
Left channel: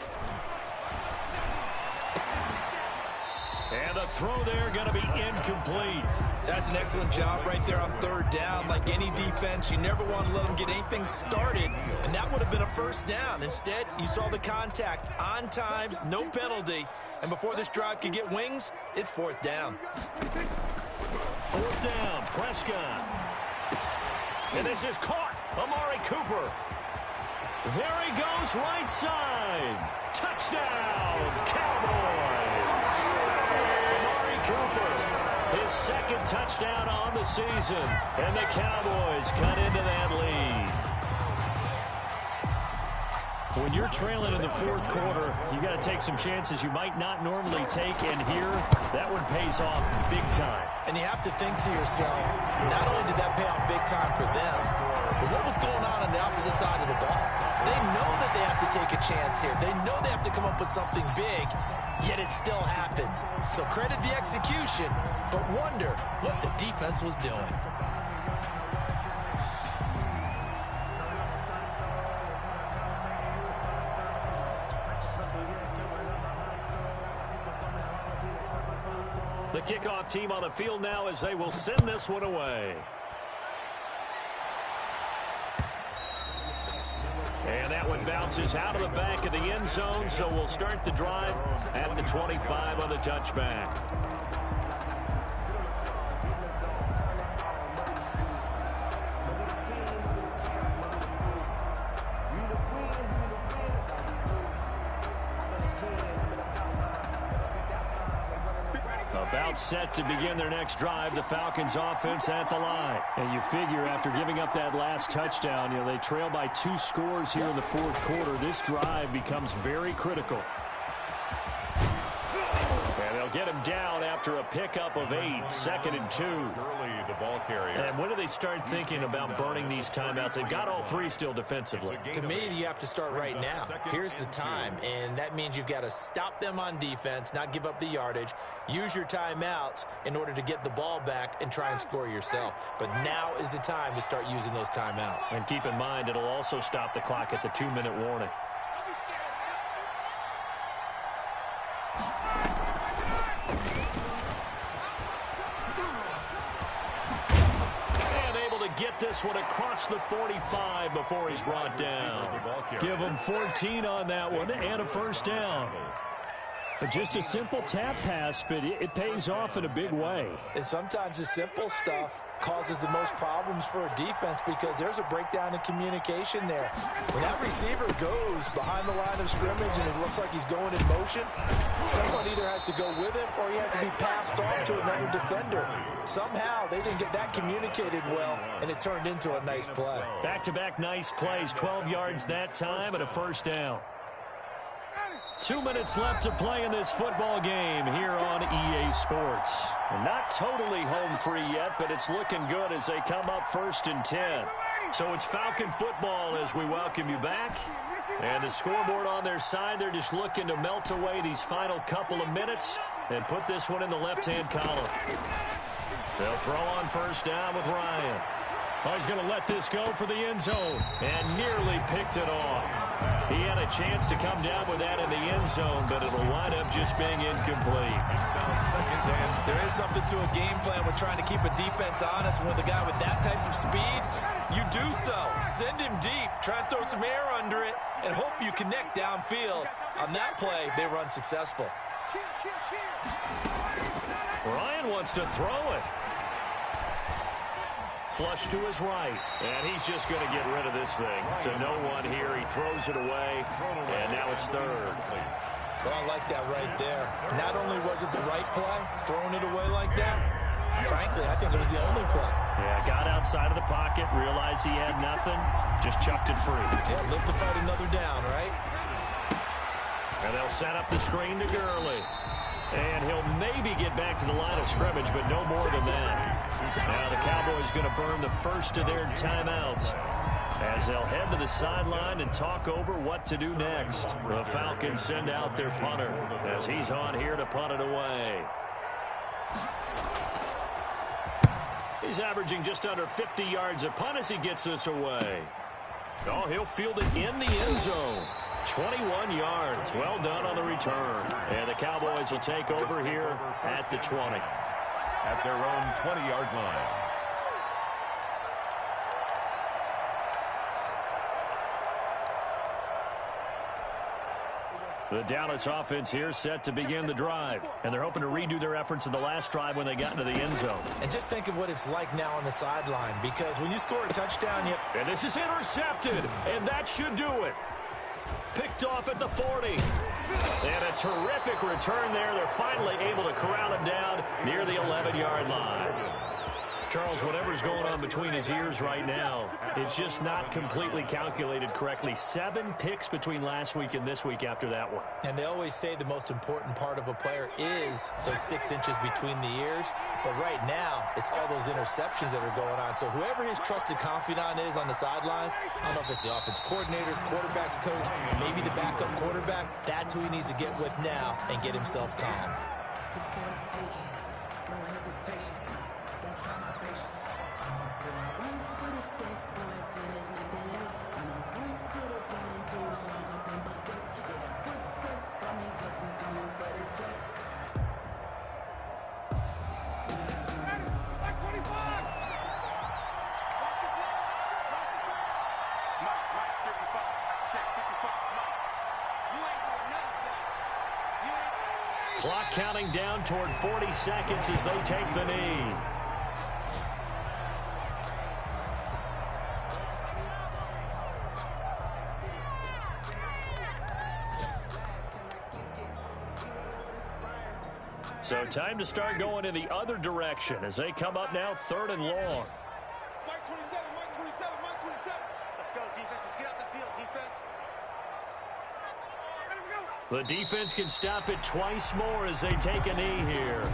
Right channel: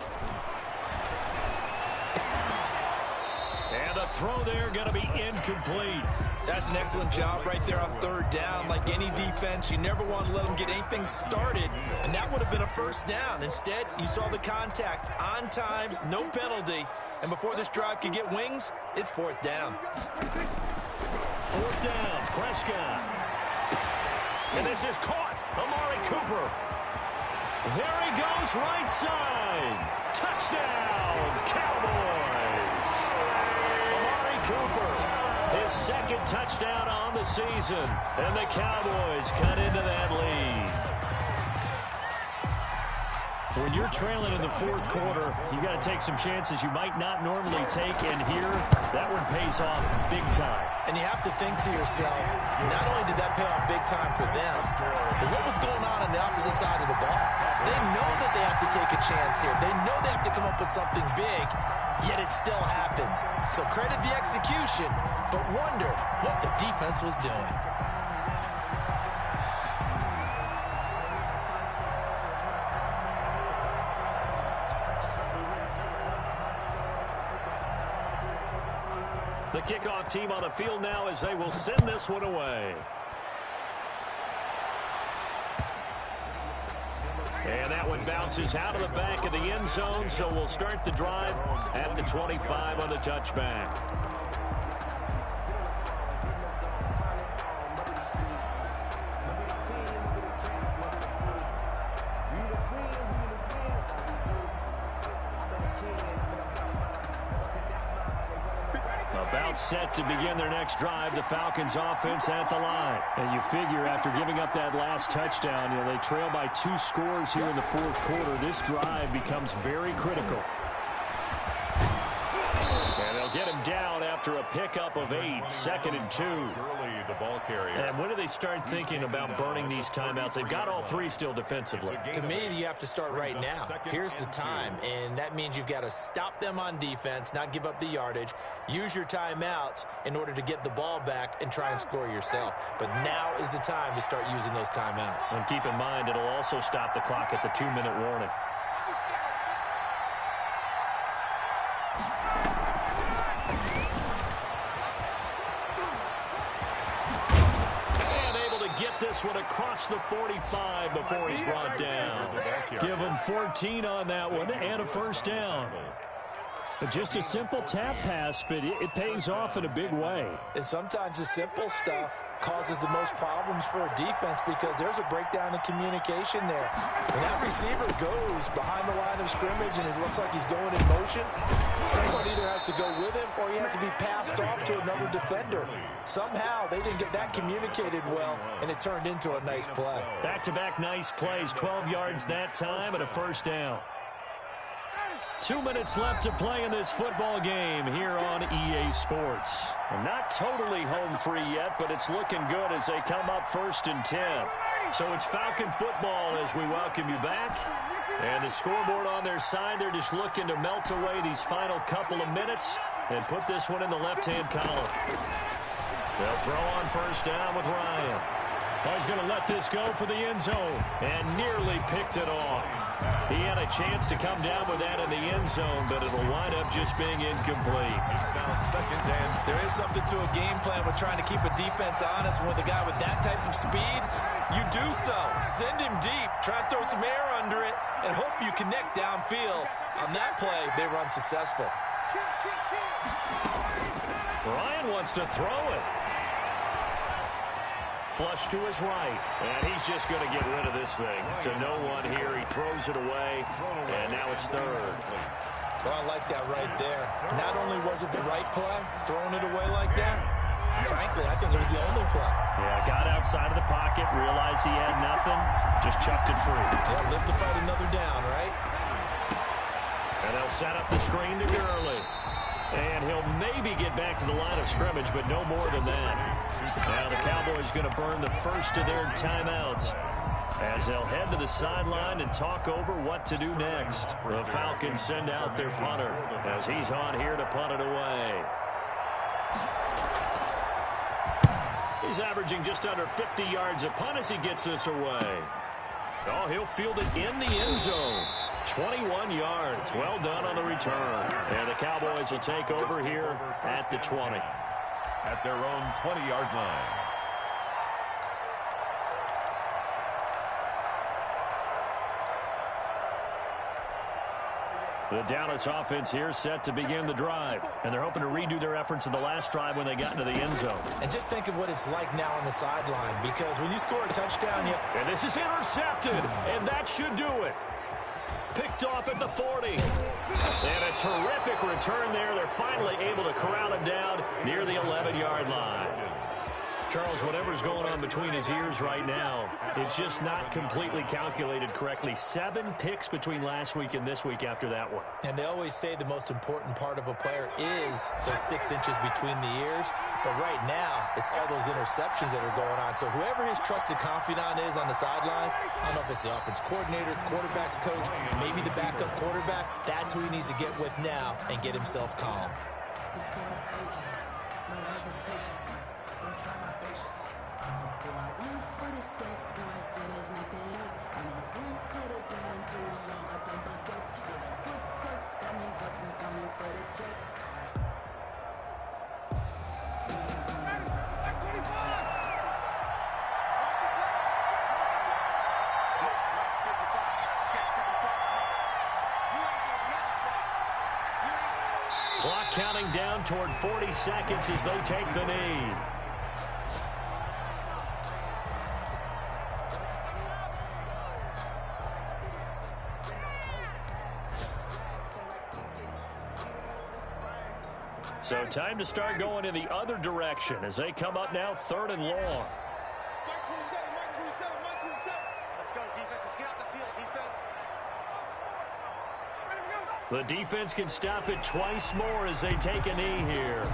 And the throw there going to be incomplete. That's an excellent job right there on 3rd down. Like any defense, you never want to let them get anything started, and that would have been a 1st down. Instead, you saw the contact on time, no penalty, and before this drive could get wings, it's 4th down. 4th down, Prescott. And this is caught. Amari Cooper. There he goes, right side. Touchdown, Cowboys. Amari Cooper, his 2nd touchdown on the season. And the Cowboys cut into that lead. When you're trailing in the 4th quarter, you got to take some chances you might not normally take, and here, that one pays off big time. And you have to think to yourself, not only did that pay off big time for them, but what was going on the opposite side of the ball? They know that they have to take a chance here. They know they have to come up with something big, yet it still happens. So credit the execution, but wonder what the defense was doing. The kickoff team on the field now as they will send this one away. And that one bounces out of the back of the end zone, so we'll start the drive at the 25 on the touchback. A About set to begin their next drive, the Falcons offense at the line. And you figure after giving up that last touchdown, they trail by 2 scores here in the fourth quarter. This drive becomes very critical. And they'll get him down after a pickup of 8, 2nd and 2. Gurley, the ball carrier. And when do they start thinking about burning these timeouts? They've got all 3 still defensively. To me, you have to start right now. Here's the time, and that means you've got to stop them on defense, not give up the yardage, use your timeouts in order to get the ball back and try and score yourself. But now is the time to start using those timeouts. And keep in mind, it'll also stop the clock at the 2-minute warning. Get this one across the 45 before he's brought down. Give him 14 on that one and a first down. Just a simple tap pass, but it pays off in a big way. And sometimes the simple stuff causes the most problems for a defense because there's a breakdown in communication there. When that receiver goes behind the line of scrimmage and it looks like he's going in motion, someone either has to go with him or he has to be passed off to another defender. Somehow they didn't get that communicated well, and it turned into a nice play. Back-to-back nice plays, 12 yards that time and a first down. 2 minutes left to play in this football game here on EA Sports. Not totally home free yet, but it's looking good as they come up 1st and 10. So it's Falcon football as we welcome you back. And the scoreboard on their side, they're just looking to melt away these final couple of minutes and put this one in the left-hand column. They'll throw on first down with Ryan. Oh, he's going to let this go for the end zone and nearly picked it off. He had a chance to come down with that in the end zone, but it'll wind up just being incomplete. It's now 2nd and 10. There is something to a game plan with trying to keep a defense honest. And with a guy with that type of speed, you do so. Send him deep, try and throw some air under it, and hope you connect downfield. On that play, they run successful. Ryan wants to throw it. Flush to his right, and he's just going to get rid of this thing. To no one here, he throws it away, and now it's 3rd. Well, I like that right there. Not only was it the right play, throwing it away like that, frankly, I think it was the only play. Yeah, got outside of the pocket, realized he had nothing, just chucked it free. Yeah, live to fight another down, right? And they'll set up the screen to Gurley. And he'll maybe get back to the line of scrimmage, but no more than that. Now the Cowboys going to burn the first of their timeouts as they'll head to the sideline and talk over what to do next. The Falcons send out their punter as he's on here to punt it away. He's averaging just under 50 yards a punt as he gets this away. Oh, he'll field it in the end zone. 21 yards. Well done on the return. And the Cowboys will take over here at the 20. At their own 20-yard line. The Dallas offense here set to begin the drive. And they're hoping to redo their efforts in the last drive when they got into the end zone. And just think of what it's like now on the sideline, because when you score a touchdown, and this is intercepted, and that should do it. Picked off at the 40. And a terrific return there. They're finally able to corral him down near the 11-yard line. Charles, whatever's going on between his ears right now, it's just not completely calculated correctly. 7 picks between last week and this week after that one. And they always say the most important part of a player is those 6 inches between the ears. But right now, it's all those interceptions that are going on. So whoever his trusted confidant is on the sidelines, I don't know if it's the offense coordinator, the quarterback's coach, maybe the backup quarterback, that's who he needs to get with now and get himself calm. It's for the taking, no hesitation. Don't try my patience. I'ma pour out one for the safe boy till there's nothing left. I'ma run to the bed until we all got them buckets. Yeah, the footsteps coming, cause we coming for the check. We ain't going. Like 25! Lost the pass! Lost 55. Check 55. You ain't doing nothing today. You ain't. Clock counting down toward 40 seconds as they take the knee. So time to start going in the other direction as they come up now 3rd and long. Mike 27, Mike 27, Mike 27. Let's go, defense. Let's get out the field, defense. Ready, we go. The defense can stop it twice more as they take a knee here.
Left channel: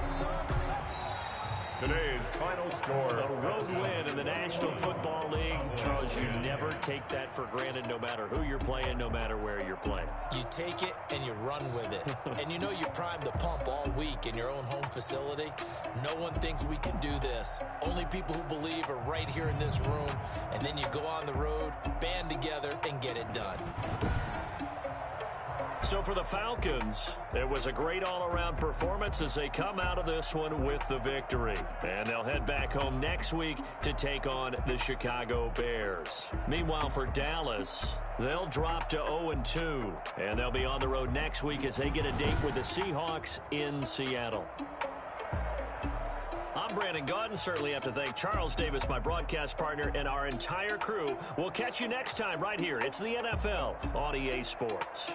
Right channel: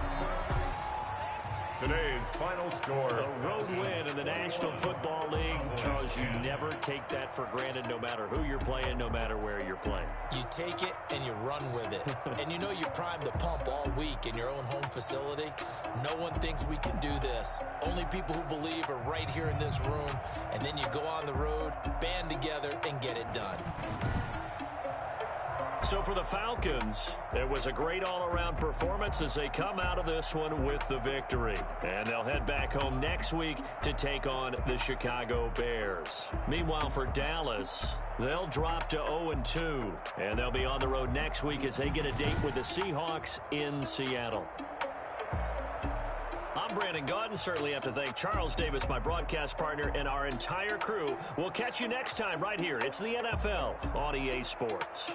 Today's final score. A road win in the National Football League. Charles, you never take that for granted no matter who you're playing, no matter where you're playing. You take it and you run with it. And you know you primed the pump all week in your own home facility. No one thinks we can do this. Only people who believe are right here in this room. And then you go on the road, band together, and get it done. So for the Falcons, it was a great all-around performance as they come out of this one with the victory. And they'll head back home next week to take on the Chicago Bears. Meanwhile, for Dallas, they'll drop to 0-2. And they'll be on the road next week as they get a date with the Seahawks in Seattle. I'm Brandon Gaudin. Certainly have to thank Charles Davis, my broadcast partner, and our entire crew. We'll catch you next time right here. It's the NFL on EA Sports.